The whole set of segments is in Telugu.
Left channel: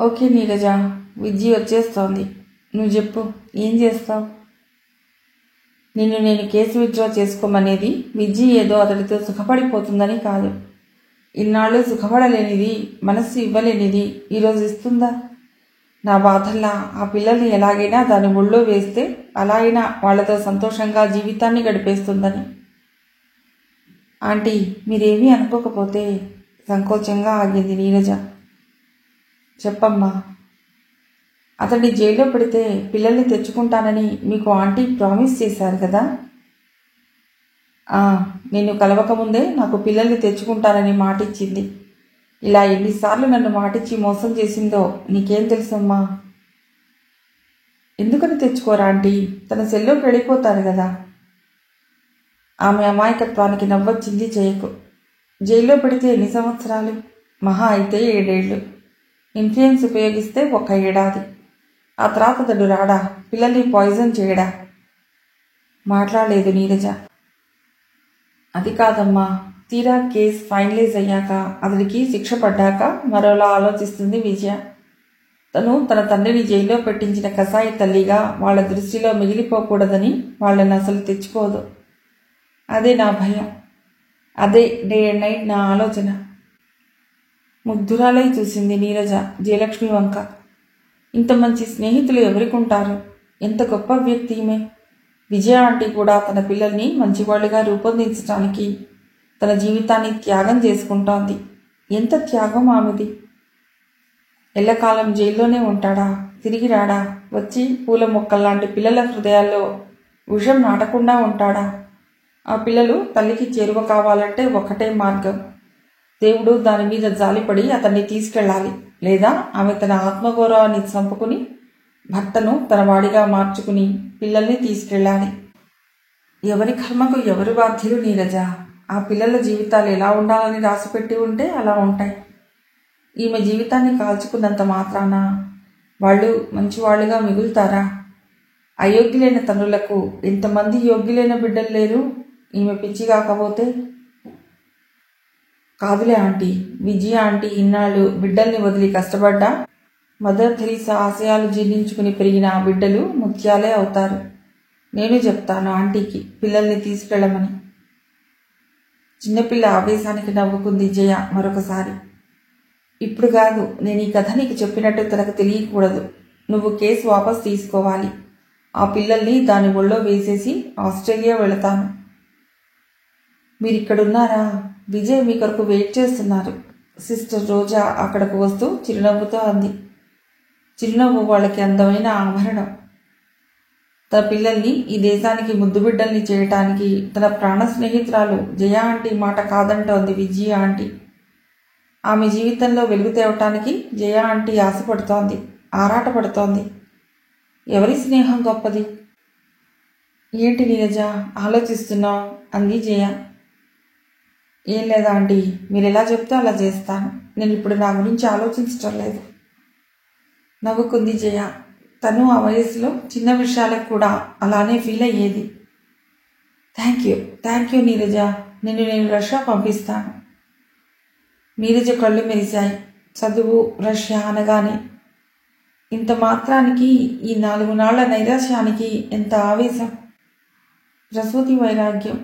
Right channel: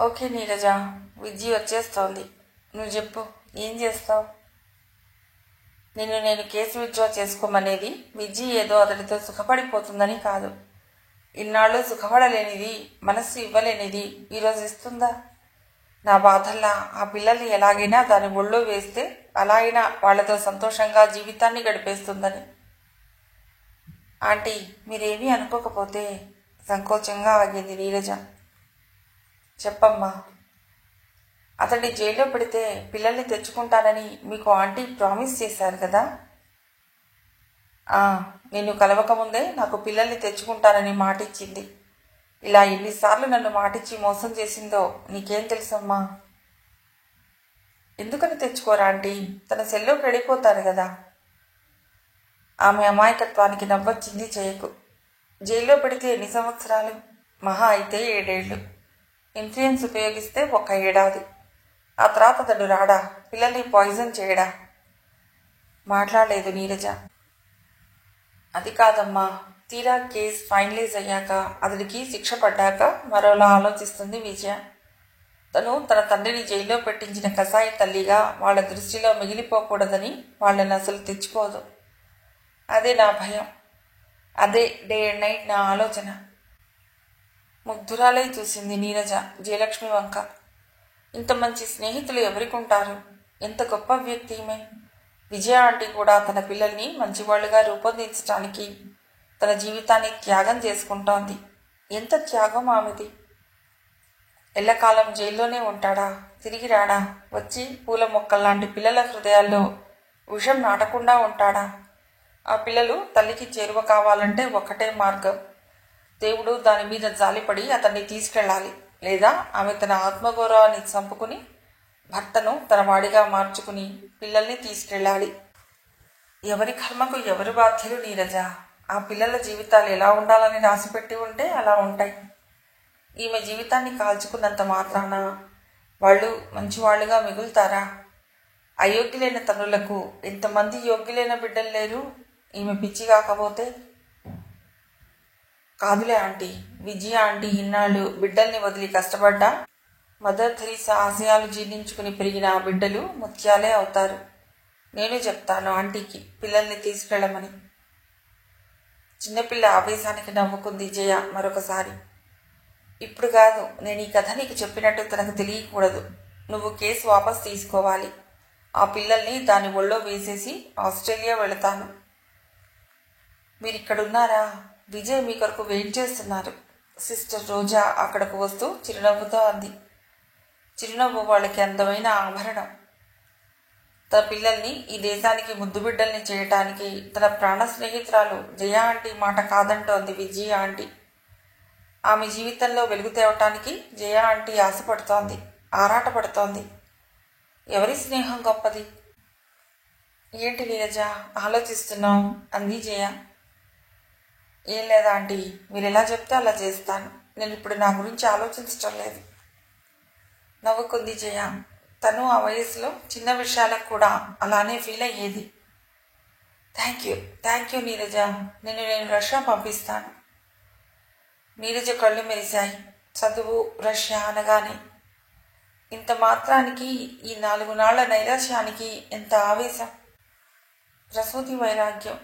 ఓకే నీరజ, విజ్జి వచ్చేస్తోంది. నువ్వు చెప్పు, ఏం చేస్తావు? నేను కేసు విత్డ్రా చేసుకోమనేది విజ్జి ఏదో అతడితో సుఖపడిపోతుందని కాదు. ఇన్నాళ్ళు సుఖపడలేనిది, మనస్సు ఇవ్వలేనిది ఈరోజు ఇస్తుందా? నా బాధల్లా ఆ పిల్లల్ని ఎలాగైనా దాని ఒళ్ళో వేస్తే అలా అయినా వాళ్లతో సంతోషంగా జీవితాన్ని గడిపేస్తుందని. ఆంటీ, మీరేమీ అనుకోకపోతే సంకోచంగా ఆగింది నీరజ. చెప్పమ్మా. అతన్ని జైల్లో పెడితే పిల్లల్ని తెచ్చుకుంటానని మీకు ఆంటీ ప్రామిస్ చేశారు కదా? నిన్ను కలవకముందే నాకు పిల్లల్ని తెచ్చుకుంటానని మాటిచ్చింది. ఇలా ఎన్నిసార్లు నన్ను మాటిచ్చి మోసం చేసిందో నీకేం తెలుసమ్మా? ఎందుకని తెచ్చుకోరా ఆంటీ? తన సెల్లోకి వెళ్ళిపోతారు కదా. ఆమె అమాయకత్వానికి నవ్వొచ్చింది జయకు. జైల్లో పెడితే ఎన్ని సంవత్సరాలు? మహా అయితే 7 ఏళ్ళు. ఇన్ఫ్లుయెన్స్ ఉపయోగిస్తే 1 ఏడాది. ఆ తర్వాత అతడు రాడా? పిల్లల్ని పాయిజన్ చేయడా? మాట్లాడలేదు నీరజ. అది కాదమ్మా, తీరా కేసు ఫైనలైజ్ అయ్యాక అతడికి శిక్ష పడ్డాక మరోలా ఆలోచిస్తుంది విజయ. తను తన తండ్రిని జైల్లో పెట్టించిన కసాయి తల్లిగా వాళ్ల దృష్టిలో మిగిలిపోకూడదని వాళ్లను అసలు తెచ్చుకోదు. అదే నా భయం. అదే డే అండ్ నైట్ నా ఆలోచన. ముగ్ధురాలై చూసింది నీరజ జయలక్ష్మి వంక. ఇంత మంచి స్నేహితులు ఎవరికుంటారు? ఎంత గొప్ప వ్యక్తి ఈమె. విజయ ఆంటీ కూడా తన పిల్లల్ని మంచివాళ్లుగా రూపొందించడానికి తన జీవితాన్ని త్యాగం చేసుకుంటోంది. ఎంత త్యాగం ఆమెది. ఎల్లకాలం జైల్లోనే ఉంటాడా? తిరిగి రాడా? వచ్చి పూల మొక్కల్లాంటి పిల్లల హృదయాల్లో విషం నాటకుండా ఉంటాడా? ఆ పిల్లలు తల్లికి చేరువ కావాలంటే ఒక్కటే మార్గం. దేవుడు దాని మీద జాలిపడి అతన్ని తీసుకెళ్లాలి. లేదా ఆమె తన ఆత్మగౌరవాన్ని చంపుకుని భర్తను తన వాడిగా మార్చుకుని పిల్లల్ని తీసుకెళ్లాలి. ఎవరి కర్మకు ఎవరు బాధ్యులు నీరజ. ఆ పిల్లల జీవితాలు ఎలా ఉండాలని రాసిపెట్టి ఉంటే అలా ఉంటాయి. ఈమె జీవితాన్ని కాల్చుకున్నంత మాత్రాన వాళ్ళు మంచివాళ్లుగా మిగులుతారా? అయోగ్యులైన తండ్రులకు ఎంతమంది యోగ్యులైన బిడ్డలు లేరు? ఈమె పిచ్చి కాకపోతే. కాదులే ఆంటీ, విజయ ఆంటీ ఇన్నాళ్ళు బిడ్డల్ని వదిలి కష్టపడ్డా మదర్ థెరిసా ఆశయాలు జీర్ణించుకుని పెరిగిన ఆ బిడ్డలు ముత్యాలే అవుతారు. నేను చెప్తాను ఆంటీకి పిల్లల్ని తీసుకెళ్లమని. చిన్నపిల్ల ఆవేశానికి నవ్వుకుంది జయ మరొకసారి. ఇప్పుడు కాదు, నేను ఈ కథ నీకు చెప్పినట్టు తనకు తెలియకూడదు. నువ్వు కేసు వాపస్ తీసుకోవాలి. ఆ పిల్లల్ని దాని ఒళ్ళో వేసేసి ఆస్ట్రేలియా వెళతాను. మీరిక్కడున్నారా? విజయ్ మీ కొరకు వెయిట్ చేస్తున్నారు. సిస్టర్ రోజా అక్కడకు వస్తూ చిరునవ్వుతో అంది. చిరునవ్వు వాళ్ళకి అందమైన ఆభరణం. తన పిల్లల్ని ఈ దేశానికి ముద్దుబిడ్డల్ని చేయటానికి తన ప్రాణ స్నేహితురాలు జయ ఆంటీ మాట కాదంటోంది విజయ ఆంటీ. ఆమె జీవితంలో వెలుగు తేవటానికి జయ ఆంటీ ఆశపడుతోంది, ఆరాటపడుతోంది. ఎవరి స్నేహం గొప్పది? ఏంటి నీరజ ఆలోచిస్తున్నావు? అంది జయ. ఏం లేదా ఆంటీ, మీరు ఎలా చెప్తే అలా చేస్తాను. నేను ఇప్పుడు నా గురించి ఆలోచించటం లేదు. నవ్వుకుంది జయ. తను ఆ వయసులో చిన్న విషయాలకు కూడా అలానే ఫీల్ అయ్యేది. Thank you Neeraja. నేను రష్యా పంపిస్తాను. నీరజ కళ్ళు మెరిశాయి. చదువు, రష్యా అనగానే ఇంత మాత్రానికి ఈ 4 నాళ్ల నైరాశ్యానికి ఎంత ఆవేశం. ప్రసూతి వైరాగ్యం,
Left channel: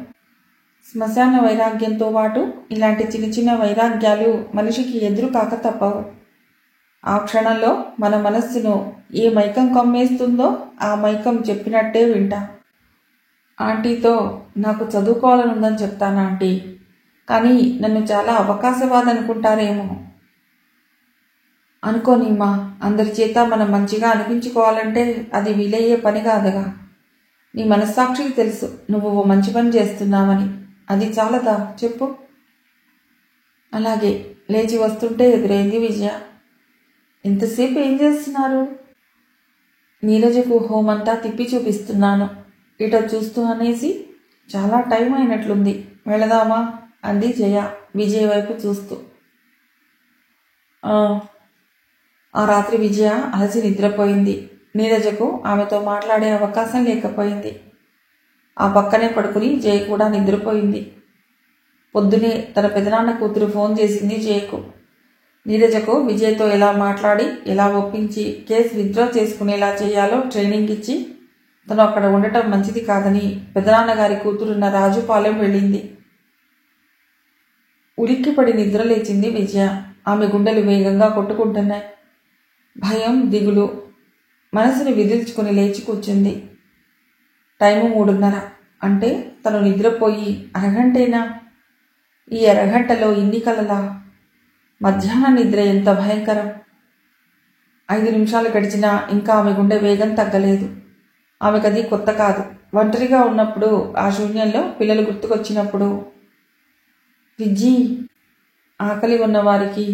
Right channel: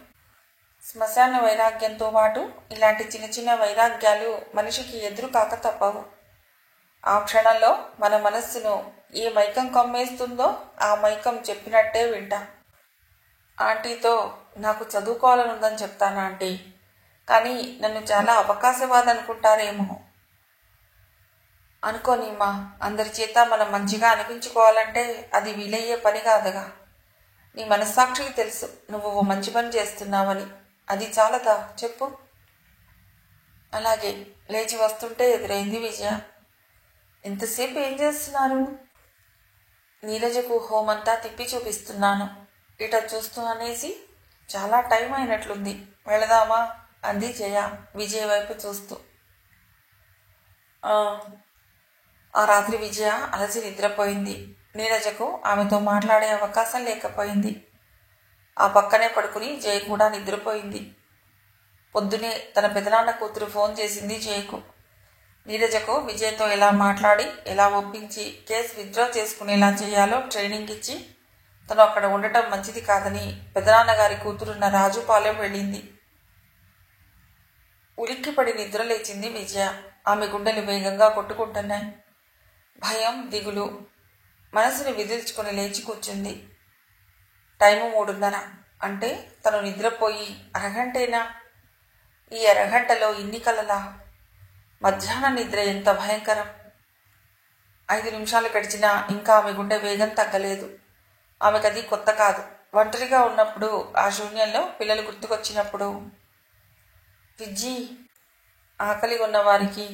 శ్మశాన వైరాగ్యంతో పాటు ఇలాంటి చిన్న చిన్న వైరాగ్యాలు మనిషికి ఎదురు కాక తప్పవు. ఆ క్షణంలో మన మనస్సును ఏ మైకం కమ్మేస్తుందో ఆ మైకం చెప్పినట్టే వింటా. ఆంటీతో నాకు చదువుకోవాలనుందని చెప్తాను ఆంటీ, కానీ నన్ను చాలా అవకాశవాది అనుకుంటారేమో. అనుకోనిమ్మా, అందరి చేత మనం మంచిగా అనిపించుకోవాలంటే అది వీలయ్యే పని కాదుగా. నీ మనస్సాక్షికి తెలుసు నువ్వు ఓ మంచి పని చేస్తున్నావని. అది చాలదా చెప్పు. అలాగే. లేచి వస్తుంటే ఎదురైంది విజయ. ఎంతసేపు ఏం చేస్తున్నారు? నీరజకు హోమంతా తిప్పి చూపిస్తున్నాను. ఇట చూస్తూ అనేసి చాలా టైం అయినట్లుంది, వెళదామా? అంది జయ విజయ వైపు చూస్తూ. ఆ రాత్రి విజయ అలసి నిద్రపోయింది. నీరజకు ఆమెతో మాట్లాడే అవకాశం లేకపోయింది. ఆ పక్కనే పడుకుని జయ కూడా నిద్రపోయింది. పొద్దునే తన పెదనాన్న కూతురు ఫోన్ చేసింది జయకు. నీరజకు విజయ్తో ఎలా మాట్లాడి ఎలా ఒప్పించి కేసు విత్డ్రా చేసుకునేలా చేయాలో ట్రైనింగ్ ఇచ్చి తను అక్కడ ఉండటం మంచిది కాదని పెదనాన్నగారి కూతురున్న రాజుపాలెం వెళ్ళింది. ఉలిక్కిపడి నిద్రలేచింది విజయ. ఆమె గుండెలు వేగంగా కొట్టుకుంటున్నాయి. భయం, దిగులు మనసుని విదిల్చుకుని లేచి కూర్చుంది. టైము 3:30. అంటే తను నిద్రపోయి అరగంటేనా? ఈ అరగంటలో ఇన్ని కలలా? మధ్యాహ్న నిద్ర ఎంత భయంకరం! 5 నిమిషాలు గడిచినా ఇంకా ఆమె గుండె వేగం తగ్గలేదు. ఆమెకది కొత్త కాదు. ఒంటరిగా ఉన్నప్పుడు, ఆ శూన్యంలో పిల్లలు గుర్తుకొచ్చినప్పుడు. విజ్జి! ఆకలి ఉన్నవారికి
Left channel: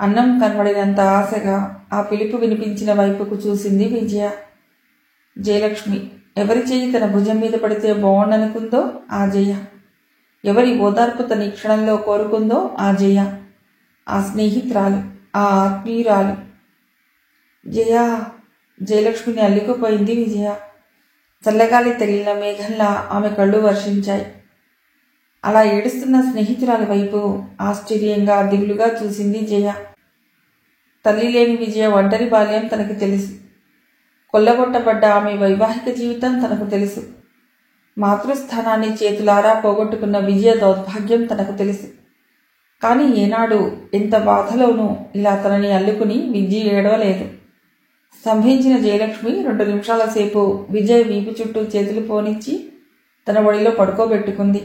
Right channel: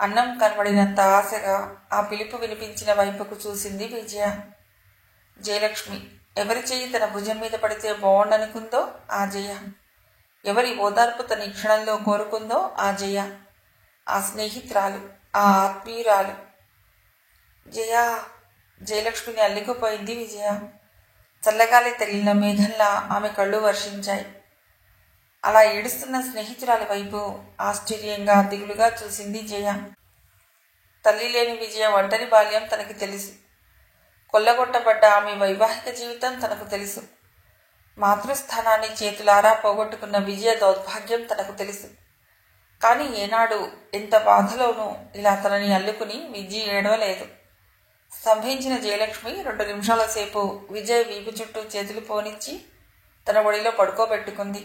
అన్నం కనబడినంత ఆశగా ఆ పిలుపు వినిపించిన వైపుకు చూసింది విజయ. జయలక్ష్మి. ఎవరి చెయ్యి తన భుజం మీద పడితే బాగుండనుకుందో ఆ జయ. ఎవరి ఓదార్పు తన క్షణంలో కోరుకుందో ఆ జయ. ఆ స్నేహితురాలు, ఆ ఆత్మీయురాలు. జయ! జయలక్ష్మిని అల్లికుపోయింది విజయ. చల్లగాలి తగిలిన మేఘంలా ఆమె కళ్ళు వర్షించాయి. అలా ఏడుస్తున్న స్నేహితురాలి వైపు ఆశ్చర్యంగా, దిగులుగా చూసింది జయ. తల్లి లేని విజయ ఒంటరి బాల్యం తనకి తెలుసు. కొల్లగొట్టబడ్డ ఆమె వైవాహిక జీవితం తనకు తెలుసు. మాతృస్థానాన్ని చేతులారా పోగొట్టుకున్న విజయ దౌర్భాగ్యం తనకు తెలుసు. కానీ ఏనాడు, ఎంత బాధలోనూ ఇలా తనని అల్లుకుని విజయ్ ఏడవలేదు. స్తంభించిన జయలక్ష్మి 2 నిమిషాల సేపు విజయ్ వీపు చుట్టూ చేతులు పోనిచ్చి తన ఒడిలో పడుకోబెట్టుకుంది.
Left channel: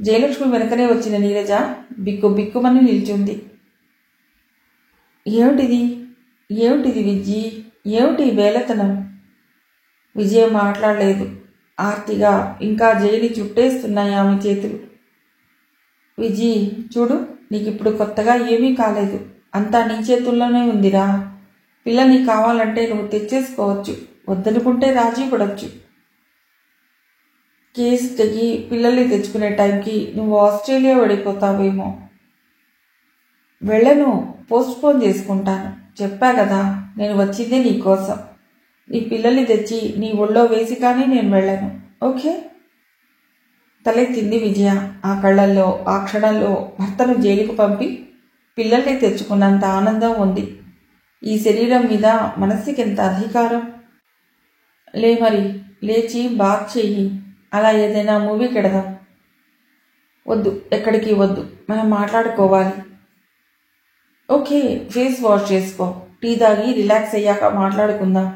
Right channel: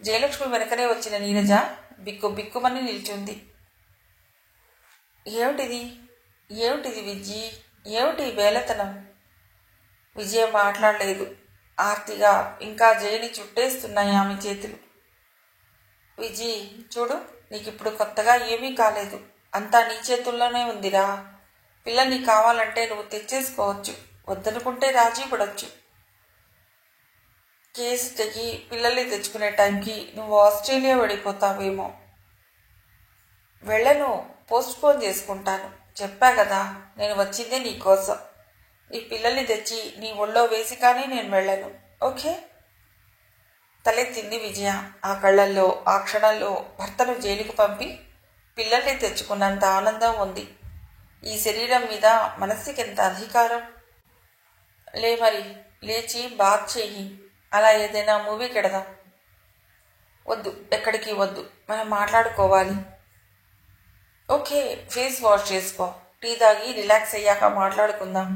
జయలక్ష్మి వెనకనే వచ్చిన నీరజ బిక్కుమని నిల్చుంది. ఏమిటిది? ఏమిటిది విజ్జి? ఏమిటి బేలతనం? విజయ మాట్లాడలేదు. ఆర్తిగా ఇంకా జయని చుట్టేస్తున్నాయి ఆమె చేతులు. విజి, చూడు, నీకిప్పుడు కొత్తగా ఏమీ కాలేదు. అంతా నీ చేతుల్లోనే ఉందిరా. పిల్ల నీకు కావాలంటే నువ్వు తెచ్చేసుకోవచ్చు. వద్దనుకుంటే రాజీ పడవచ్చు. కేసు తెగి పిల్లల్ని తెచ్చుకునే టైంకి నువ్వు ఆస్ట్రేలియా వెళ్ళిపోతావేమో. వెళ్ళను, పోస్ట్పోన్ చేసుకుంటాను. చెప్పా కదా, నేను వచ్చిందే నీకోసం. నీ పిల్లల్ని తెచ్చి నీ ఒళ్ళో వేసి కానీ నేను వెళ్ళను. ఓకే? తలెత్తింది విజయ. ఆ కళ్ళల్లో ఆ క్షణంలో భర్తను జైలుకు పంపి పిల్లల్ని తెచ్చుకున్నంత ఆనందం ఉంది. ఈ శరీరం మీద మనస్సుకి ఎంత అధికారం! లే మరి, లేచి బాత్ చెయ్యి. అలా ఏదైనా మూవీకి ఎడదాం. వద్దు, ఎక్కడికి వద్దు, మనం మాట్లాడుకోవాలి. ఓకే, ఫేస్ వాష్ చేసుకో. టీ తాగి రిలాక్స్ అయ్యాక మాట్లాడుకుందాం.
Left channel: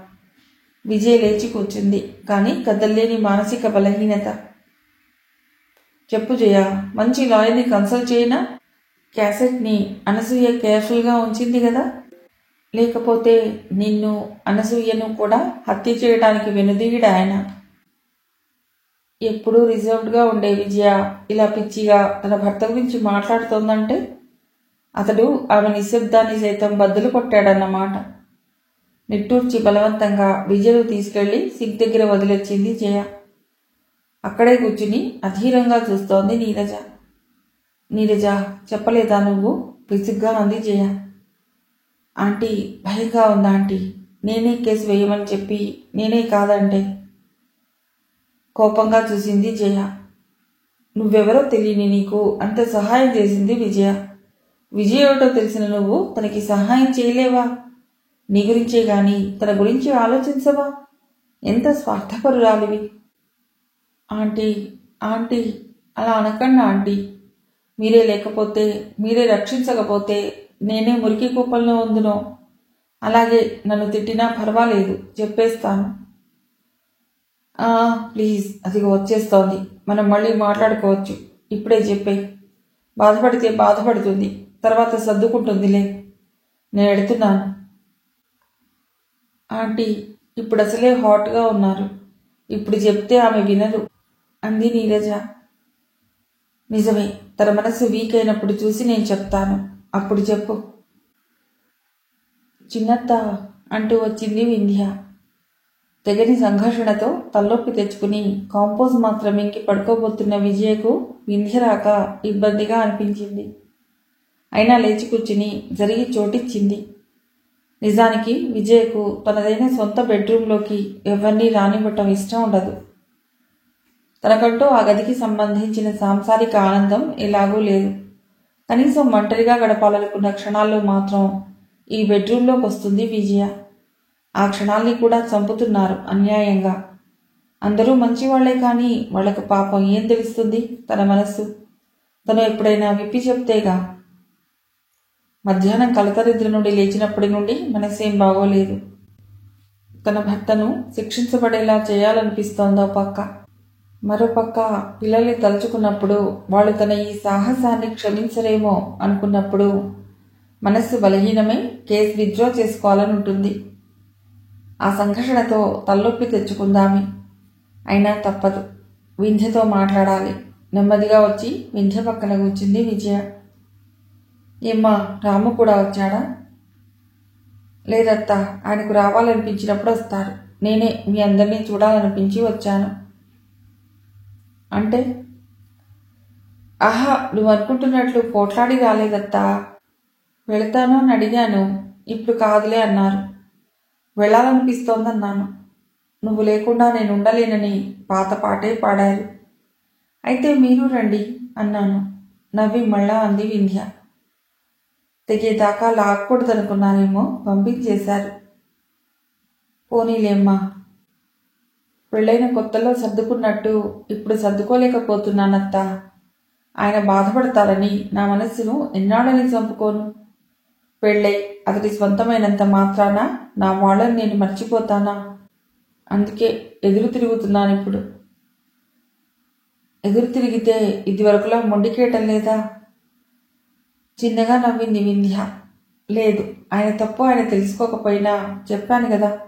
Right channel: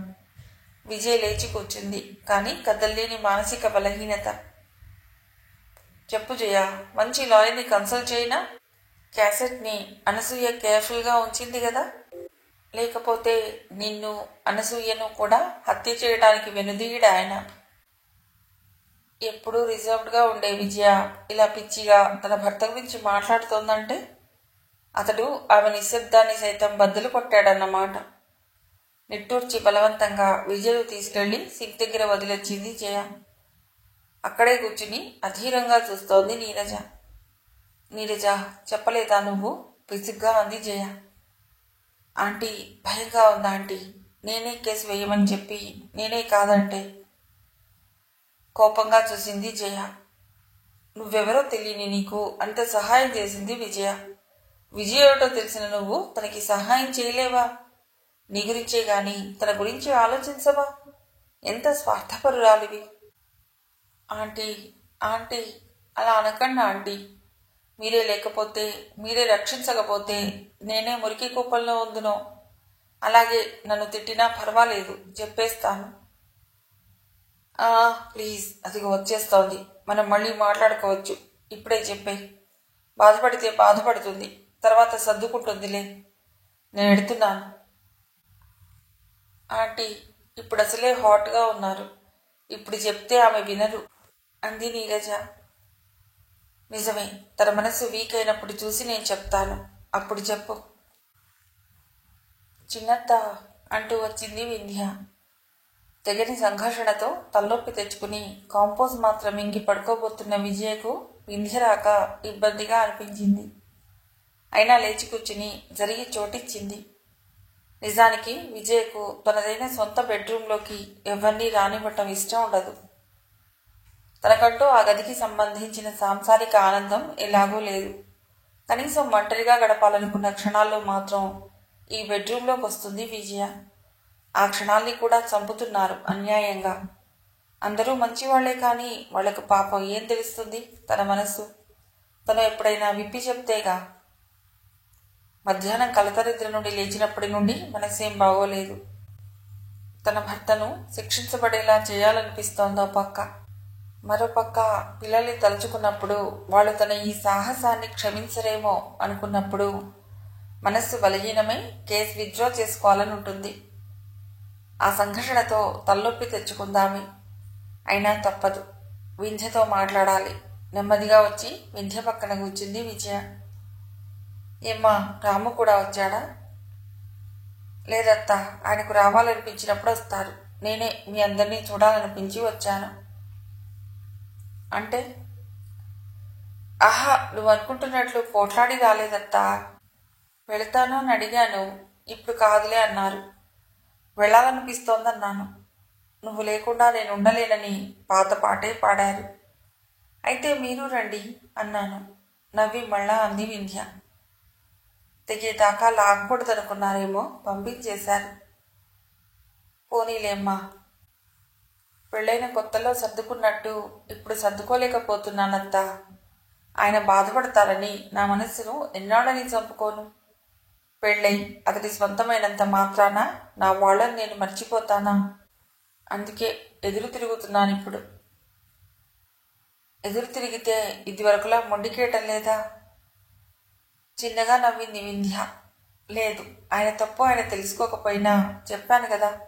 విజయ్ లేచి కూర్చుంది. కానీ కదల్లేని మానసిక బలహీనత. చెప్పు జయ, మంచి లాయర్ని కన్సల్ట్ చేయనా? క్యాసెట్ని అనసూయ కేర్ఫుల్గా ఉంచింది కదా. లేకపోతే నిన్ను, అనసూయను కూడా హత్య చేయడానికి వెనుదీయడు ఆయన. ఎప్పుడూ రిజర్వ్డ్గా ఉండే విజయ ఇలా పిచ్చిగా తన భర్త గురించి మాట్లాడుతోందంటే అతడు ఆమె నిశ్శబ్దాన్ని సైతం బద్దలు కొట్టాడన్నమాట. నిట్టూర్చి బలవంతంగా విజయను తీసుకెళ్లి సింక్ దగ్గర వదిలొచ్చింది జయ. అక్కడే కూర్చుని అధీరంగా చూస్తోంది నీరజ. నీరజ, చెప్పలేదా నువ్వు? విసుగ్గా అంది జయ. ఆంటీ, భయంగా ఉందా ఆంటీ? నేనే కేసు వేయమని చెప్పి నేనే కాదంటే. కోపంగా చూసింది జయ. నువ్వెవరో తెలియని నీకు అంత సహాయం చేసింది విజయ. విజయ్ ఏమిటో తెలిసిన నువ్వు తనకి సహాయం చేయలేవా? నీ గురించే గాని తన గురించి ఆలోచించవా? ఎంత స్వార్థపరురాలివి! ఆంటీ, ఆంటీ, అలా అనకండి ఆంటీ. మీరే లేకపోతే, మీరే రక్షించకపోతే నేనే మురికి కూపంలో ఉందునో. అలాగే నన్ను తిట్టినా పర్వాలేదు, చెప్పేస్తాను. ప్లీజ్, అదిగో వచ్చేస్తోంది. మనం మళ్ళీ మాట్లాడుకోవచ్చు. ఇప్పుడే చెప్పేయి. బాధపడితే బాధపడుతుంది, తర్వాత సర్దుకుంటుందిలే. నేను ఎడుతున్నాను. ఆంటీ, ఇప్పుడు అసలే హాట్గా ఉన్నారు. ఇప్పుడు చెప్తే ఆమె వినరు అంది నీరజ. నిజమే, తన మనసు వీక్ అయినప్పుడు చూసి నేను చెప్తాను. అప్పుడు చెప్పు. చిన్నత్త అంటూ వచ్చింది వింధ్య. తెగని సంఘర్షణతో తలనొప్పి తెచ్చుకుని కాంపోజ్ మాత్రం ఇంకి పడుకోబోతున్న విజయకు వింధ్య రాక ఇబ్బందిగా అనిపించింది. అయినా లేచి కూర్చుని జరిగి చోటిచ్చింది. నిజానికి విజయకు తనదైన సొంత బెడ్రూంలోకి ఎవరినీ రానివ్వటం ఇష్టం ఉండదు. తనకంటూ ఆ గదికి సంబంధించిన సాంసారిక ఆనందం ఎలాగూ లేదు. కనీసం ఒంటరిగా గడపాలనుకున్న క్షణాల్లో మాత్రం ఈ బెడ్రూంలోకి వస్తుంది విజయ. ఆ క్షణాల్ని కూడా చంపుతున్నారు అన్యాయంగా. అందరూ మంచివాళ్లే, కానీ వాళ్లకు పాపం ఏం తెలుస్తుంది? తన మనస్సు తను ఎప్పుడైనా విప్పి చెప్తేగా. మధ్యాహ్నం కలకరిద్ర నుండి లేచినప్పటి నుండి మనసేం బాగోలేదు. తన భర్తను శిక్షించబడేలా చేయాలనిపిస్తోందో పక్క. మరోపక్క పిల్లల్ని తలుచుకున్నప్పుడు వాళ్ళు తన ఈ సాహసాన్ని క్షమించరేమో అనుకున్నప్పుడు మనస్సు బలహీనమై కేసు విత్డ్రా చేసుకోవాలని ఉంటుంది. ఆ సంఘర్షణతో తలనొప్పి తెచ్చుకుందామే. అయినా తప్పదు. వింధ్యతో మాట్లాడాలి. నెమ్మదిగా వచ్చి వింధ్య పక్కన కూర్చుంది విజయ. ఏమ్మా, రాము కూడా వచ్చాడా? లేదత్తా, ఆయనకు రావాలనిపించినప్పుడు వస్తారు. నేనే మీ అందరినీ చూడాలనిపించి వచ్చాను. అంటే? ఆహా, నువ్వు అనుకుంటున్నట్లు పోట్లాడి రాలేదత్తా. వెళతాను అని అడిగాను. ఇప్పుడు కాదులే అన్నారు. వెళ్ళాలనిపిస్తోందన్నాను. నువ్వు లేకుండా నేను ఉండలేనని పాత పాటే పాడారు. అయితే మీరు రండి అన్నాను. నవ్వి మళ్ళా అంది వింధ్య. తెగేదాకా లాక్కూడదనుకున్నారేమో, పంపించేశారు. పోనీలేమ్మా. పెళ్ళైన కొత్తలో సర్దుకున్నట్టు ఇప్పుడు సర్దుకోలేకపోతున్నానత్తా. ఆయన బాధపడతారని నా మనస్సును ఎన్నాడని చంపుకోను. పెళ్ళై అతడి స్వంతమైనంత మాత్రాన నా వాళ్ళని నేను మర్చిపోతానా? అందుకే ఎదురు తిరుగుతున్నానిప్పుడు. ఎదురు తిరిగితే ఇదివరకులా మొండికేయటం లేదా? చిన్నగా నవ్వింది వింధ్య. లేదు, ఆయన తప్పు ఆయన తెలుసుకోకపోయినా చెప్పాను కదా.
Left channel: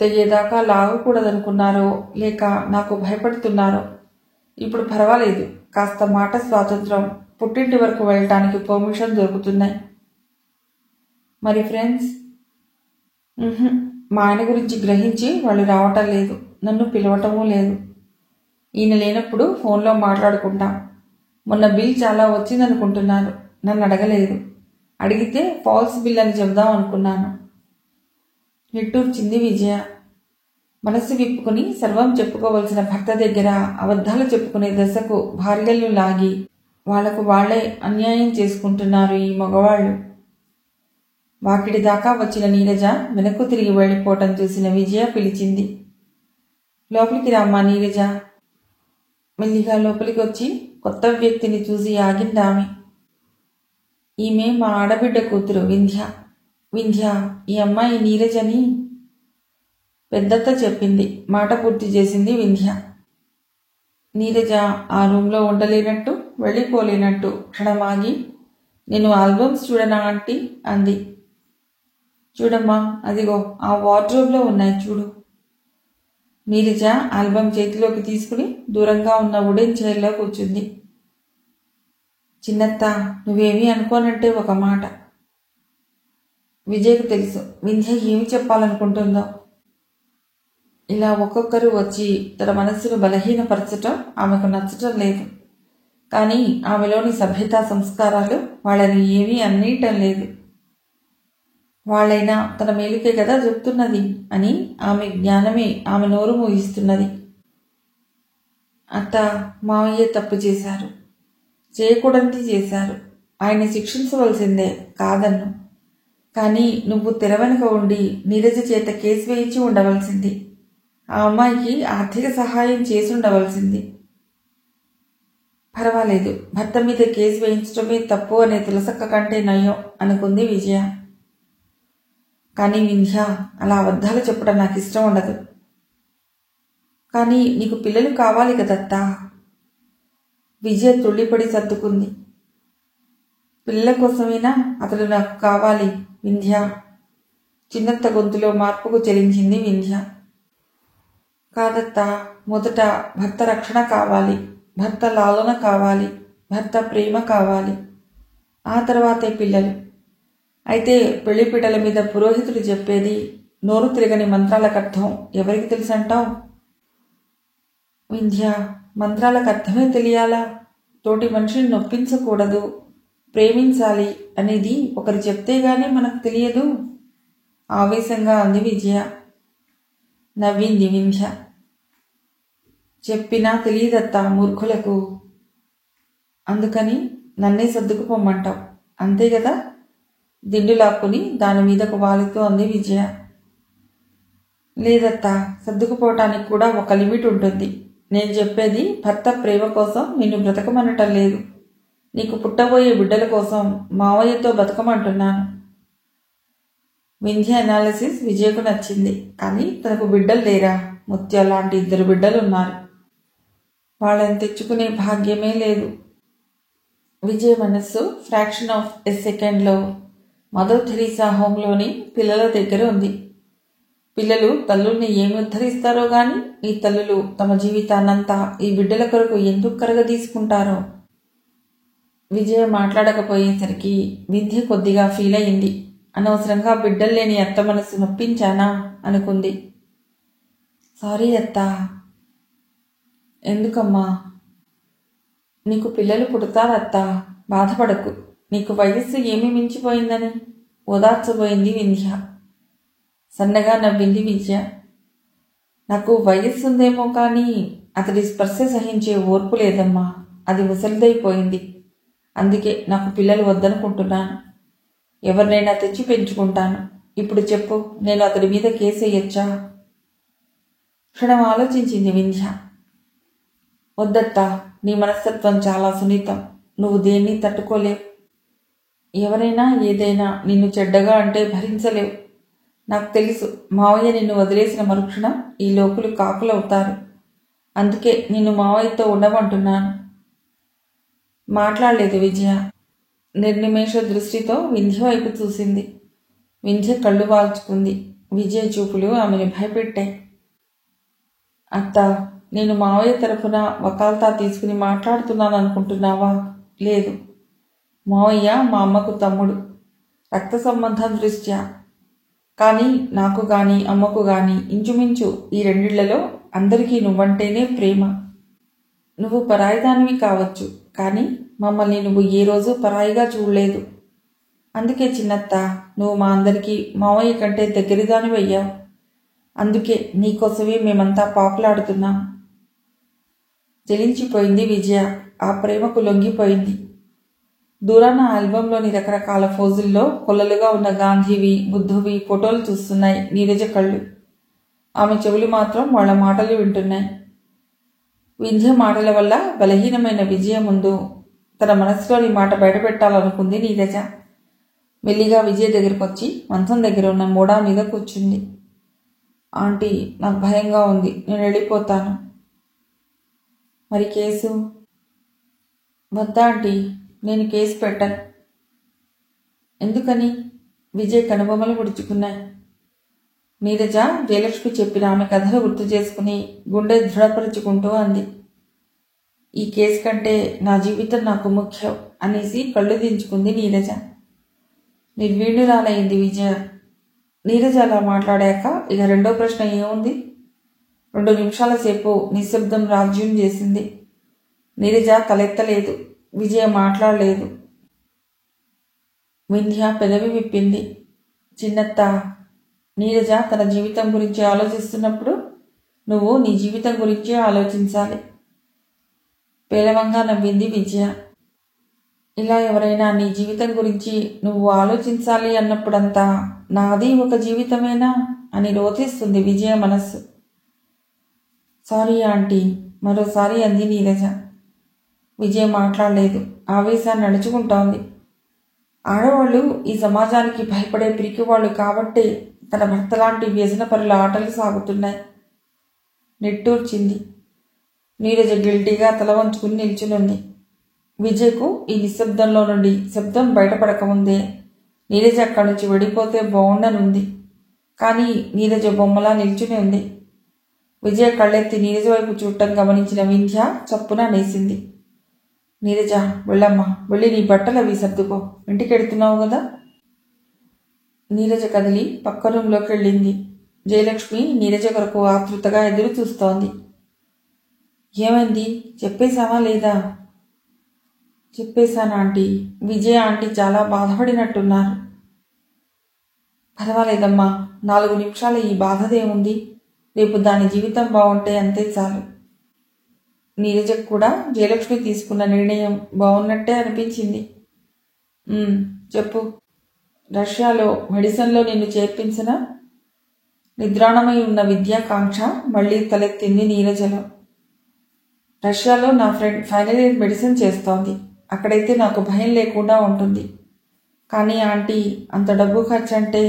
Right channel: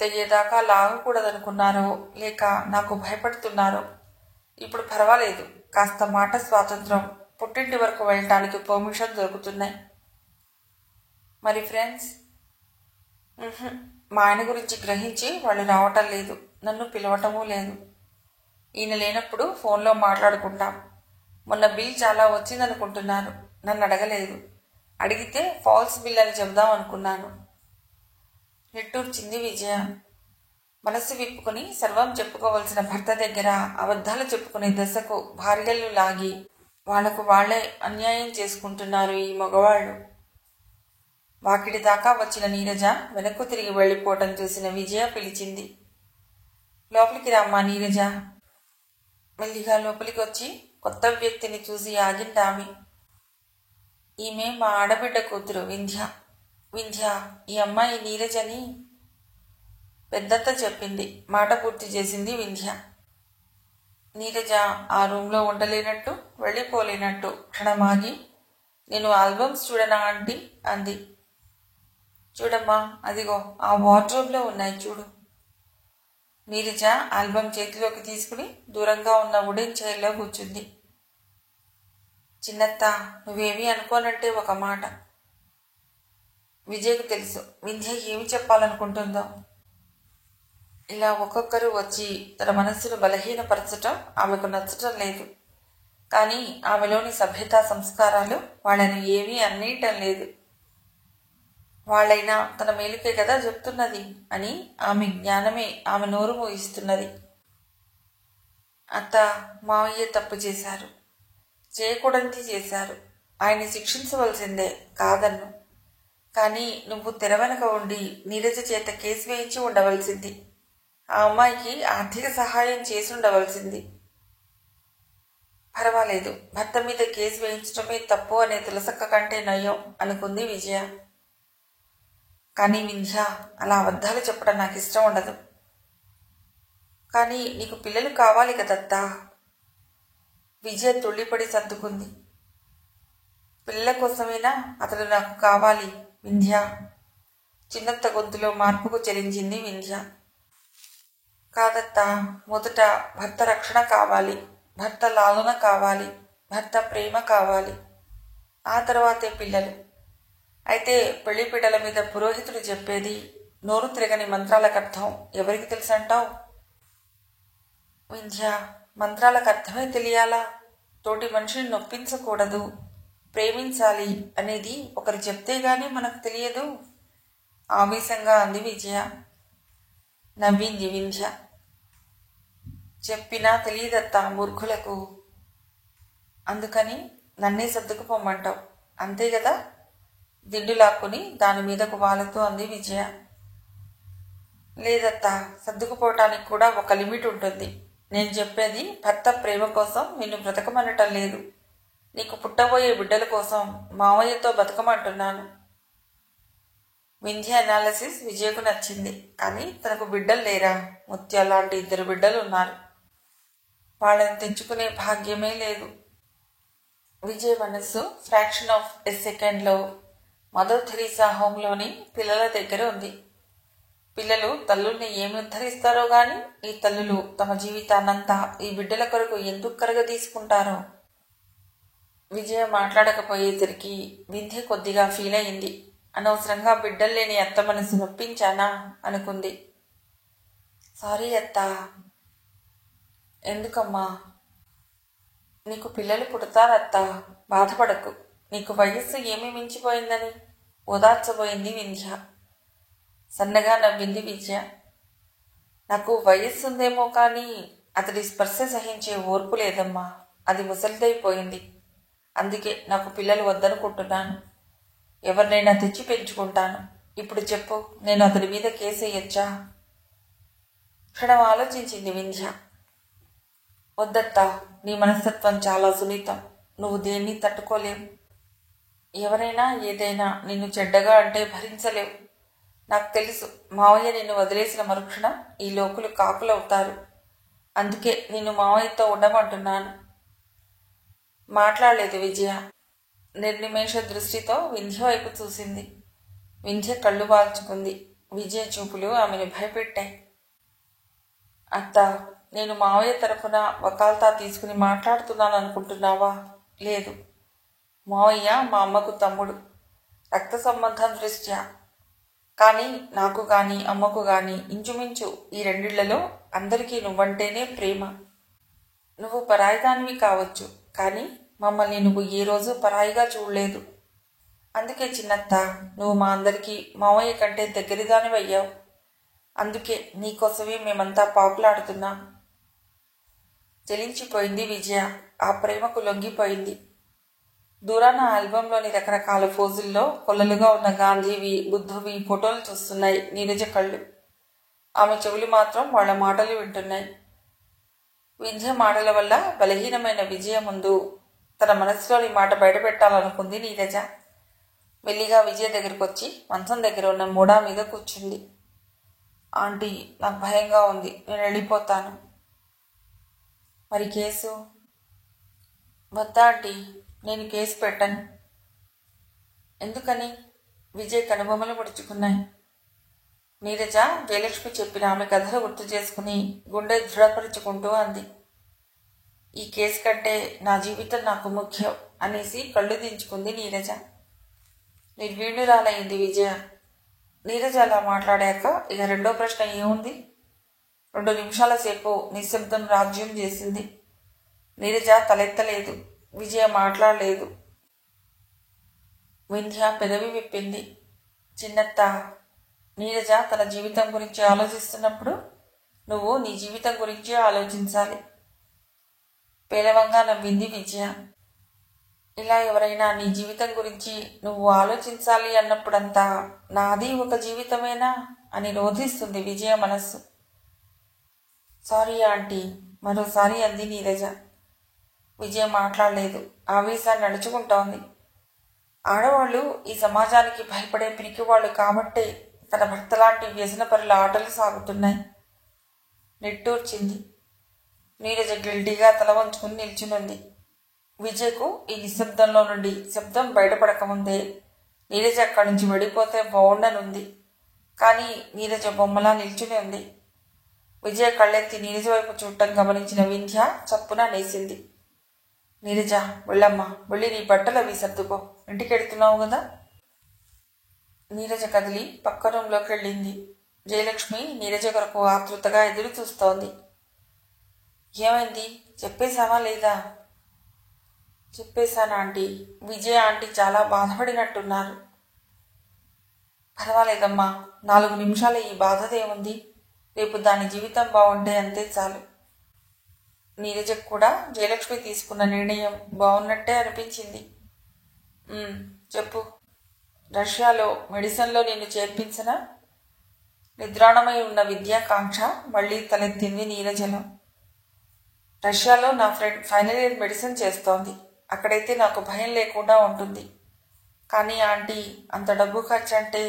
తెగేదాకా లాగకూడదనుకున్నారో లేక నాకు భయపడుతున్నారో. ఇప్పుడు పర్వాలేదు. కాస్త మాట స్వాతంత్రం, పుట్టింటి వరకు వెళ్ళటానికి పర్మిషన్ దొరుకుతున్నాయి. మరి ఫ్రెండ్స్? మా ఆయన గురించి గ్రహించి వాళ్ళు రావటం లేదు. నన్ను పిలవటమూ లేదు. ఈయన లేనప్పుడు ఫోన్లో మాట్లాడుకుంటాం. మొన్న బిల్ చాలా వచ్చిందనుకుంటున్నారు. నన్ను అడగలేదు. అడిగితే ఫాల్స్ బిల్ అని చెబుదాం అనుకున్నాను. నిట్టూర్చింది విజయ. మనస్సు విప్పుకుని సర్వం చెప్పుకోవలసిన భర్త దగ్గర అబద్ధాలు చెప్పుకునే దశకు భార్యలు లాగి వాళ్లకు వాళ్లే అన్యాయం చేసుకుంటున్నారు ఈ మగవాళ్లు. వాకిడి దాకా వచ్చిన నీరజ వెనక్కు తిరిగి వెళ్లిపోవటం చూసిన విజయ పిలిచింది. లోపలికి రామ్మా నీరజ. మెల్లిగా లోపలికి వచ్చి కొత్త వ్యక్తిని చూసి ఆగిందామె. ఈమె మా ఆడబిడ్డ కూతురు వింధ్య. వింధ్య, ఈ అమ్మాయి నీరజని పెద్దత్త చెప్పింది. మాట పూర్తి చేసింది వింధ్య. నీరజ ఆ రూంలో ఉండలేనట్టు వెళ్ళిపోలేనట్టు క్షణమాగి, నేను ఆల్బమ్స్ చూడనా ఆంటీ అంది. చూడమ్మా, అదిగో ఆ వార్డ్రోబ్లో ఉన్నాయి చూడు. నీరజ ఆల్బమ్ చేతిలోకి తీసుకుని దూరంగా ఉన్న వుడెన్ చైర్లో కూర్చుంది. చిన్నత్త, నువ్వేమీ అనుకోనంటే ఒక మాట. విజయ్కి తెలుసు వింధ్య ఏమి చెప్పాలనుకుంటుందో. ఇలా ఒక్కొక్కరు వచ్చి తన మనస్సును బలహీనపరచటం ఆమెకు నచ్చటం లేదు. కానీ ఆమెలోని సభ్యతా సంస్కారాలు వాళ్ళని ఏమీ అన్నేయటం లేదు. వాళ్ళైనా తన మేలుకే కదా చెప్తున్నది అని ఆమె జ్ఞానమే ఆమె నోరు మూయిస్తున్నది. అత్త, మావయ్య తప్పు చేశారు. చేయకూడనిది చేశారు. ఆయన శిక్షించవలసిందే, కాదన్ను. కానీ నువ్వు తెరవెనక ఉండి నీరజ చేత కేసు వేయించి ఉండవలసింది. ఆ అమ్మాయికి ఆర్థిక సహాయం చేసి ఉండవలసింది. పర్వాలేదు, భర్త మీద కేసు వేయించడమే తప్పు అనే తులసక్క కంటే నయం అనుకుంది విజయ. కానీ వింధ్య, అలా అబద్ధాలు చెప్పడం నాకు ఇష్టం ఉండదు. కానీ నీకు పిల్లలు కావాలి కదత్తా. విజయ తుళ్ళిపడి సర్దుకుంది. పిల్లల కోసమేనా అతడు నాకు కావాలి వింధ్య. చిన్నత్త గొంతులో మార్పుకు చెలించింది వింధ్య. కాదత్తా, మొదట భర్త రక్షణ కావాలి, భర్త లాలన కావాలి, భర్త ప్రేమ కావాలి, ఆ తర్వాతే పిల్లలు. అయితే పెళ్లిపీటల మీద పురోహితుడు చెప్పేది నోరు తిరగని మంత్రాలకు అర్థం ఎవరికి తెలుసంటావు? వింధ్య, మంత్రాలకు అర్థమే తెలియాలా? తోటి మనిషిని నొప్పించకూడదు, ప్రేమించాలి అనేది ఒకరు చెప్తేగానే మనకు తెలియదు. ఆవేశంగా అంది విజయ. నవ్వింది వింధ్య. చెప్పినా తెలియదత్తా మూర్ఖులకు. అందుకని నన్నే సర్దుకుపోమ్మంటావు అంతే కదా? దిండు లాక్కుని దాని మీదకు వాలుతూ అంది విజయ. లేదత్తా, సర్దుకుపోవటానికి కూడా ఒక లిమిట్ ఉంటుంది. నేను చెప్పేది భర్త ప్రేమ కోసం నిన్ను బ్రతకమనటం లేదు. నీకు పుట్టబోయే బిడ్డల కోసం మావయ్యతో బతకమంటున్నాను. వింధ్య అనాలిసిస్ విజయకు నచ్చింది. కానీ తనకు బిడ్డలు లేరా? ముత్యాల లాంటి 2 బిడ్డలు ఉన్నారు. వాళ్ళని తెచ్చుకునే భాగ్యమే లేదు. విజయ్ మనస్సు ఫ్రాక్షన్ ఆఫ్ ఎ సెకండ్లో మదర్ థెరీసా హోంలోని పిల్లల దగ్గర ఉంది. పిల్లలు తల్లుల్ని ఏమి ఉద్ధరిస్తారో గాని ఈ తల్లులు తమ జీవితాన్నంతా ఈ బిడ్డల కొరకు ఎందుకు కరగదీసుకుంటారో. విజయ మాట్లాడకపోయేసరికి వింధ్య కొద్దిగా ఫీల్ అయింది. అనవసరంగా బిడ్డలు లేని అత్త మనసు నొప్పించానా అనుకుంది. సారీ అత్తా. ఎందుకమ్మా? నీకు పిల్లలు పుడతారత్తా, బాధపడకు. నీకు వయస్సు ఏమి మించిపోయిందని ఓదార్చబోయింది వింధ్య. సన్నగా నవ్వింది విజయ. నాకు వయస్సుందేమో కానీ అతడి స్పర్శ సహించే ఓర్పు లేదమ్మా. అది ముసలిదైపోయింది. అందుకే నాకు పిల్లలు వద్దనుకుంటున్నాను. ఎవరినైనా తెచ్చి పెంచుకుంటాను. ఇప్పుడు చెప్పు, నేను అతడి మీద కేసేయచ్చా? క్షణం ఆలోచించింది వింధ్య. వద్దత్తా, నీ మనస్తత్వం చాలా సున్నితం. నువ్వు దేన్ని తట్టుకోలేవు. ఎవరైనా ఏదైనా నిన్ను చెడ్డగా అంటే భరించలేవు. నాకు తెలుసు, మావయ్య నిన్ను వదిలేసిన మరుక్షణం ఈ లోకులు కాకులవుతారు. అందుకే నిన్ను మావయ్యతో ఉండమంటున్నాను. మాట్లాడలేదు విజయ. నిర్నిమేష దృష్టితో వింధ్య వైపు చూసింది. వింధ్య కళ్ళు వాల్చుకుంది. విజయ చూపులు ఆమెను భయపెట్టాయి. అత్త, నేను మావయ్య తరఫున వకాల్తా తీసుకుని మాట్లాడుతున్నాను అనుకుంటున్నావా? లేదు. మావయ్య మా అమ్మకు తమ్ముడు, రక్త సంబంధం దృష్ట్యా. కానీ నాకు గాని అమ్మకు గాని ఇంచుమించు ఈ 2 ఇళ్లలో అందరికీ నువ్వంటేనే ప్రేమ. నువ్వు పరాయిదానివి కావచ్చు, కానీ మమ్మల్ని నువ్వు ఏ రోజు పరాయిగా చూడలేదు. అందుకే చిన్నత్త, నువ్వు మా అందరికీ మావయ్య కంటే దగ్గరదానివయ్యావు. అందుకే నీకోసమే మేమంతా పాకులాడుతున్నాం. జలించిపోయింది విజయ. ఆ ప్రేమకు లొంగిపోయింది. దూరాన ఆల్బంలోని రకరకాల ఫోజుల్లో కొల్లలుగా ఉన్న గాంధీవి, బుద్ధువి ఫోటోలు చూస్తున్నాయి నీరజ కళ్ళు. ఆమె చెవులు మాత్రం వాళ్ల మాటలు వింటున్నాయి. వింధ్య మాటల వల్ల బలహీనమైన విజయ ముందు తన మనసులోని మాట బయటపెట్టాలనుకుంది నీరజ. మెల్లిగా విజయ దగ్గరకొచ్చి మంచం దగ్గర ఉన్న మోడా మీద కూర్చుంది. ఆంటీ, నాకు భయంగా ఉంది. నేను వెళ్ళిపోతాను. మరి కేసు? వద్దా ఆంటీ, నేను కేసు పెట్టను. ఎందుకని? విజయ్ కనుబొమ్మలు ముడుచుకున్నాయి. నీరజ జయలక్ష్మి చెప్పిన ఆమె కథలు గుర్తు చేసుకుని గుండె దృఢపరుచుకుంటూ అంది. ఈ కేసు కంటే నా జీవితం నాకు ముఖ్యం అనేసి కళ్ళు దించుకుంది నీరజ. నిర్వీణురాలైంది విజయ. నీరజ అలా మాట్లాడాక ఇక రెండో ప్రశ్న ఏముంది? 2 నిమిషాల సేపు నిశ్శబ్దం రాజ్యం చేసింది. నీరజ తలెత్తలేదు. విజయ మాట్లాడలేదు. వింధ్య పెదవి విప్పింది. చిన్నత్త, నీరజ తన జీవితం గురించి ఆలోచిస్తున్నప్పుడు నువ్వు నీ జీవితం గురించి ఆలోచించాలి. పేలవంగా నవ్వింది విజయ. ఇలా ఎవరైనా నీ జీవితం గురించి నువ్వు ఆలోచించాలి అన్నప్పుడంతా నాది ఒక జీవితమేనా అని రోధిస్తుంది విజయ మనస్సు. సారీ ఆంటీ, మరోసారి అంది నీరజ. విజయ మాట్లాడలేదు. ఆవేశాన్ని నడుచుకుంటోంది. ఆడవాళ్లు ఈ సమాజానికి భయపడే పిరికివాళ్లు కాబట్టే తన భర్తలాంటి వ్యసనపరుల ఆటలు సాగుతున్నాయి. నిట్టూర్చింది. నీరజ గిల్టీగా తల వంచుకుని నిల్చునుంది. విజయ్కు ఈ నిశ్శబ్దంలో నుండి శబ్దం బయటపడకముందే నీరజ అక్కడి నుంచి వెళ్ళిపోతే బాగుండనుంది. కానీ నీరజ బొమ్మలా నిల్చుని ఉంది. విజయ కళ్ళెత్తి నీరజ వైపు చూడటం గమనించిన వింధ్య చప్పున అనేసింది. నీరజ, వెళ్ళమ్మా, వెళ్ళి నీ బట్టలు అవి సర్దుకో. ఇంటికెడుతున్నావు కదా. నీరజ కదిలి పక్క రూంలోకి వెళ్ళింది. జయలక్ష్మి నీరజ కొరకు ఆతృతగా ఎదురు చూస్తోంది. ఏమైంది, చెప్పేశావా లేదా? చెప్పేశాను ఆంటీ. విజయ ఆంటీ చాలా బాధపడినట్టున్నారు. పర్వాలేదమ్మా, 4 నిమిషాలు ఈ బాధదేముంది. రేపు దాని జీవితం బాగుంటే అంతే చాలు. నీరజకు కూడా జయలక్ష్మి తీసుకున్న నిర్ణయం బాగున్నట్టే అనిపించింది. చెప్పు. రష్యాలో మెడిసిన్లో నిన్ను చేర్పించిన నిద్రాణమై ఉన్న విద్యాకాంక్ష మళ్లీ తలెత్తింది నీరజలో. రష్యాలో నా ఫ్రెండ్ ఫైనల్ ఇయర్ మెడిసిన్ చేస్తోంది. అక్కడైతే నాకు భయం లేకుండా ఉంటుంది. కానీ ఆంటీ, అంత డబ్బు ఖర్చంటే...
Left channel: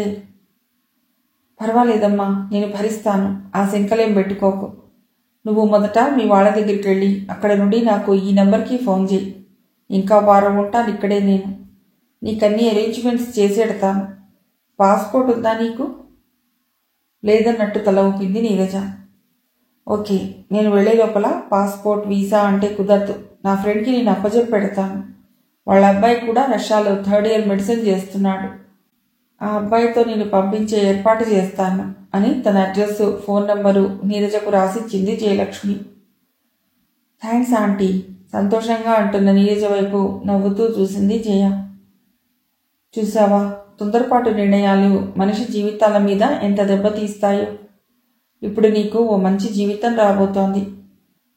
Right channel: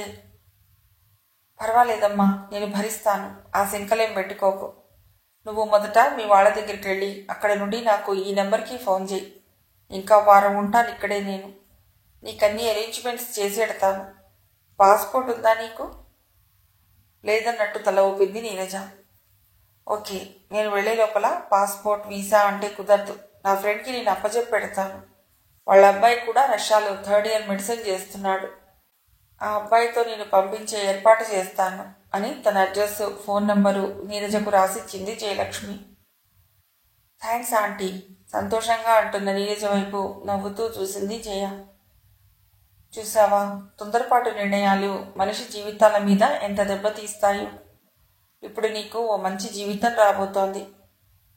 పర్వాలేదమ్మా, నేను భరిస్తాను. ఆ శంకలేం పెట్టుకోకు. నువ్వు మొదట మీ వాళ్ళ దగ్గరికి వెళ్ళి అక్కడ నుండి నాకు ఈ నెంబర్కి ఫోన్ చేయి. ఇంకా వారం ఉంటాను ఇక్కడే నేను. నీకన్నీ అరేంజ్మెంట్స్ చేసేడతాను. పాస్పోర్ట్ ఉందా నీకు? లేదన్నట్టు తల ఊపింది నీరజ. ఓకే, నేను వెళ్లే లోపల పాస్పోర్ట్, వీసా అంటే కుదరదు. నా ఫ్రెండ్కి నేను అప్పచెప్పి పెడతాను. వాళ్ళ అబ్బాయి కూడా రష్యాలో 3rd ఇయర్ మెడిసిన్ చేస్తున్నాడు. ఆ అబ్బాయితో నేను పంపించే ఏర్పాటు చేస్తాను అని తన అడ్రస్, ఫోన్ నంబరు నీరజకు రాసిచ్చింది జయలక్ష్మి. థ్యాంక్స్ ఆంటీ, సంతోషంగా అంటున్న నీరజ వైపు నవ్వుతూ చూసింది జయ. చూసావా, తొందరపాటు నిర్ణయాలు మనిషి జీవితాల మీద ఎంత దెబ్బతీస్తాయో. ఇప్పుడు నీకు ఓ మంచి జీవితం రాబోతోంది.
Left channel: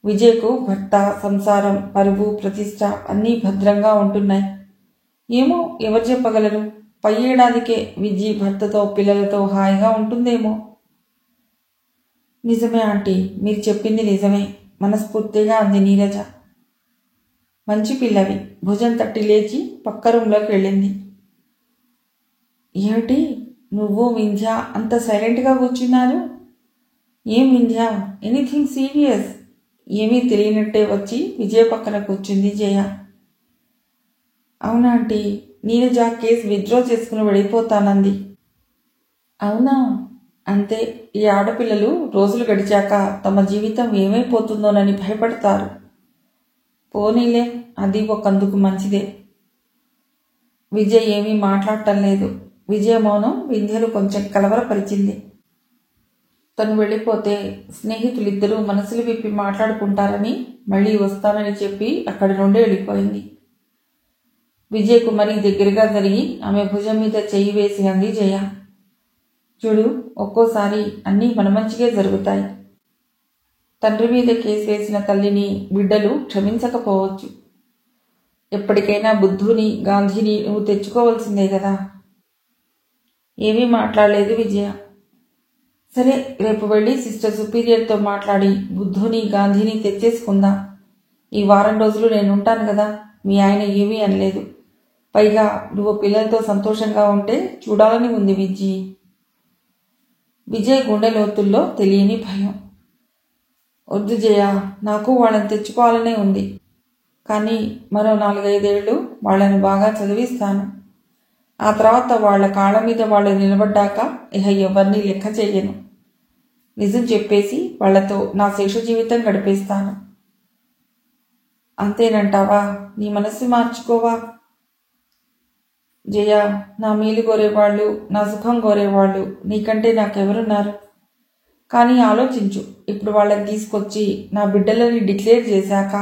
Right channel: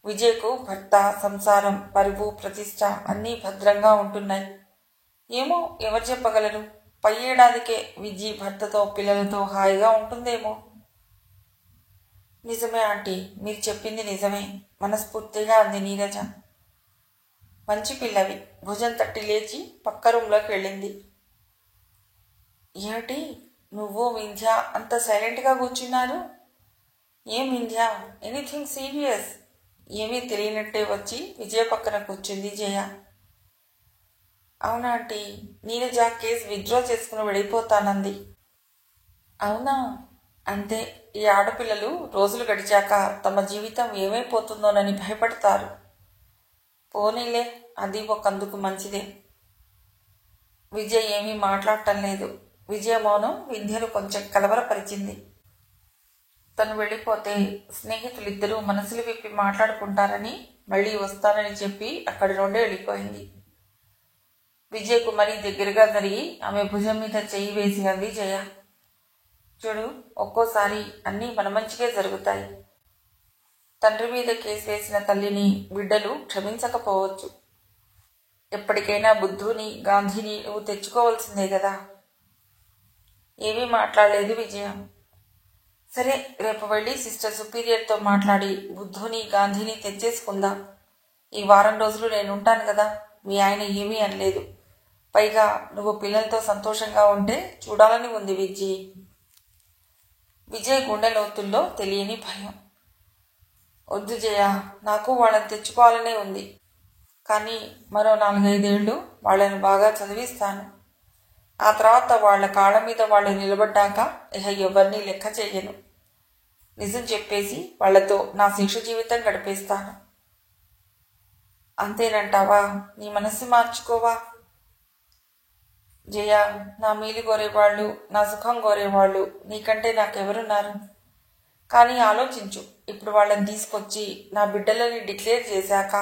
విజయ్కు భర్త, సంసారం, పరువు, ప్రతిష్ట అన్నీ భద్రంగా ఉంటున్నాయి. ఏమో, ఎవరు చెప్పగలరు? పై ఏడాదికే విజయ్ భర్తతో, పిల్లలతో హాయిగా ఉంటుందేమో. నిజమే ఆంటీ, మీరు చెప్పింది నిజమే, మనస్ఫూర్తిగా అంది నీరజ. మంచి పిల్లవి. భుజం తట్టి లేచి పక్క రూంలోకి వెళ్ళింది. ఏమిటి, నువ్వు వింధ్య అంత సైలెంట్గా కూర్చున్నారు? ఏం వింధ్య, ఎనీథింగ్ సీరియస్? ఏమీ తెలియనట్టే వచ్చి విజయ పక్కన కూర్చుంది జయ. అవునా ఆంటీ, నీరజ కేసు విత్డ్రా చేసుకుని వెళ్ళిపోతానంది. అవునా? అంతే, ఈ ఆడపిల్లలు రోజులు గడిచాక తమ జీవితం ఏమైపోతుందోనని భయపడతారు. పోనీలే, అది ఒకందుకు మంచిదే. విజయ్ ఏమీ మాట్లాడటం లేదు. విజయ మౌనం వింధ్యను కొంచెం కలవరపరిచింది. తను వెళ్ళిపోతే స్నేహితులిద్దరూ మనసులు విప్పి మాట్లాడుకుంటారని మళ్లీ వస్తానని చెప్పి అక్కడి నుండి వెళ్ళిపోయింది. విజయ్కు మరీ దగ్గరగా జరిగి ఆమె భుజం మీద చెయ్యి వేసి అంది జయ. చూడు, ఒక్కోసారి అన్నీ మన మంచిగా జరుగుతాయి. తండ్రి మీద కేసు వేసిన తల్లిని బిడ్డలు క్షమించకపోవచ్చు. ఎప్పటికైనా బుద్ధుని, గాంధీని నువ్వు తెచ్చుకోవాల్సిందే కదా. ఏమీ మాట్లాడలేదు విజయ. సరే, రేపు వెళ్ళి సిస్టర్ సుపీరియర్తో మాట్లాడి బుద్ధుని, గాంధీని తెచ్చేసుకుందాం. ఈ వారం రోజులు నేనుంటాను కదా, మీ ఆయన ఏమీ అనలేదు. పైగా నువ్వు పిల్లలతో సంతోషంగా ఉంటే చూడాలని ఉంది విజయ్. విజయ్ గుండె లోతుల్లో తెలియని భయం. వద్దు జయ, నాకు వాళ్ళని తెచ్చుకోవాలనే ఉంది. కానీ మరో 4-5 ఏళ్ళు వాళ్ళని బాగా చదివిస్తాను. ఆ తర్వాత వాళ్ల కాళ్ళ మీద వాళ్ళు నిలబడ్డాక ఇహ ఎవరిని లెక్క చెయ్యను. నిజం చెప్పేసి వాళ్లతో నా శేష జీవితం గడిపేస్తాను. అంతేనంటావా? నీ మనస్సు మార్చుకోవా? జయ, నా మేలు కోరేవాళ్ళు, నా సుఖం కోరేవాళ్ళు నీకంటే నాకెవరున్నారు? కానీ ఆలోచించు, ఇప్పుడు వాళ్ళని తీసుకొచ్చి నా బిడ్డలని డిక్లేర్ చేశాక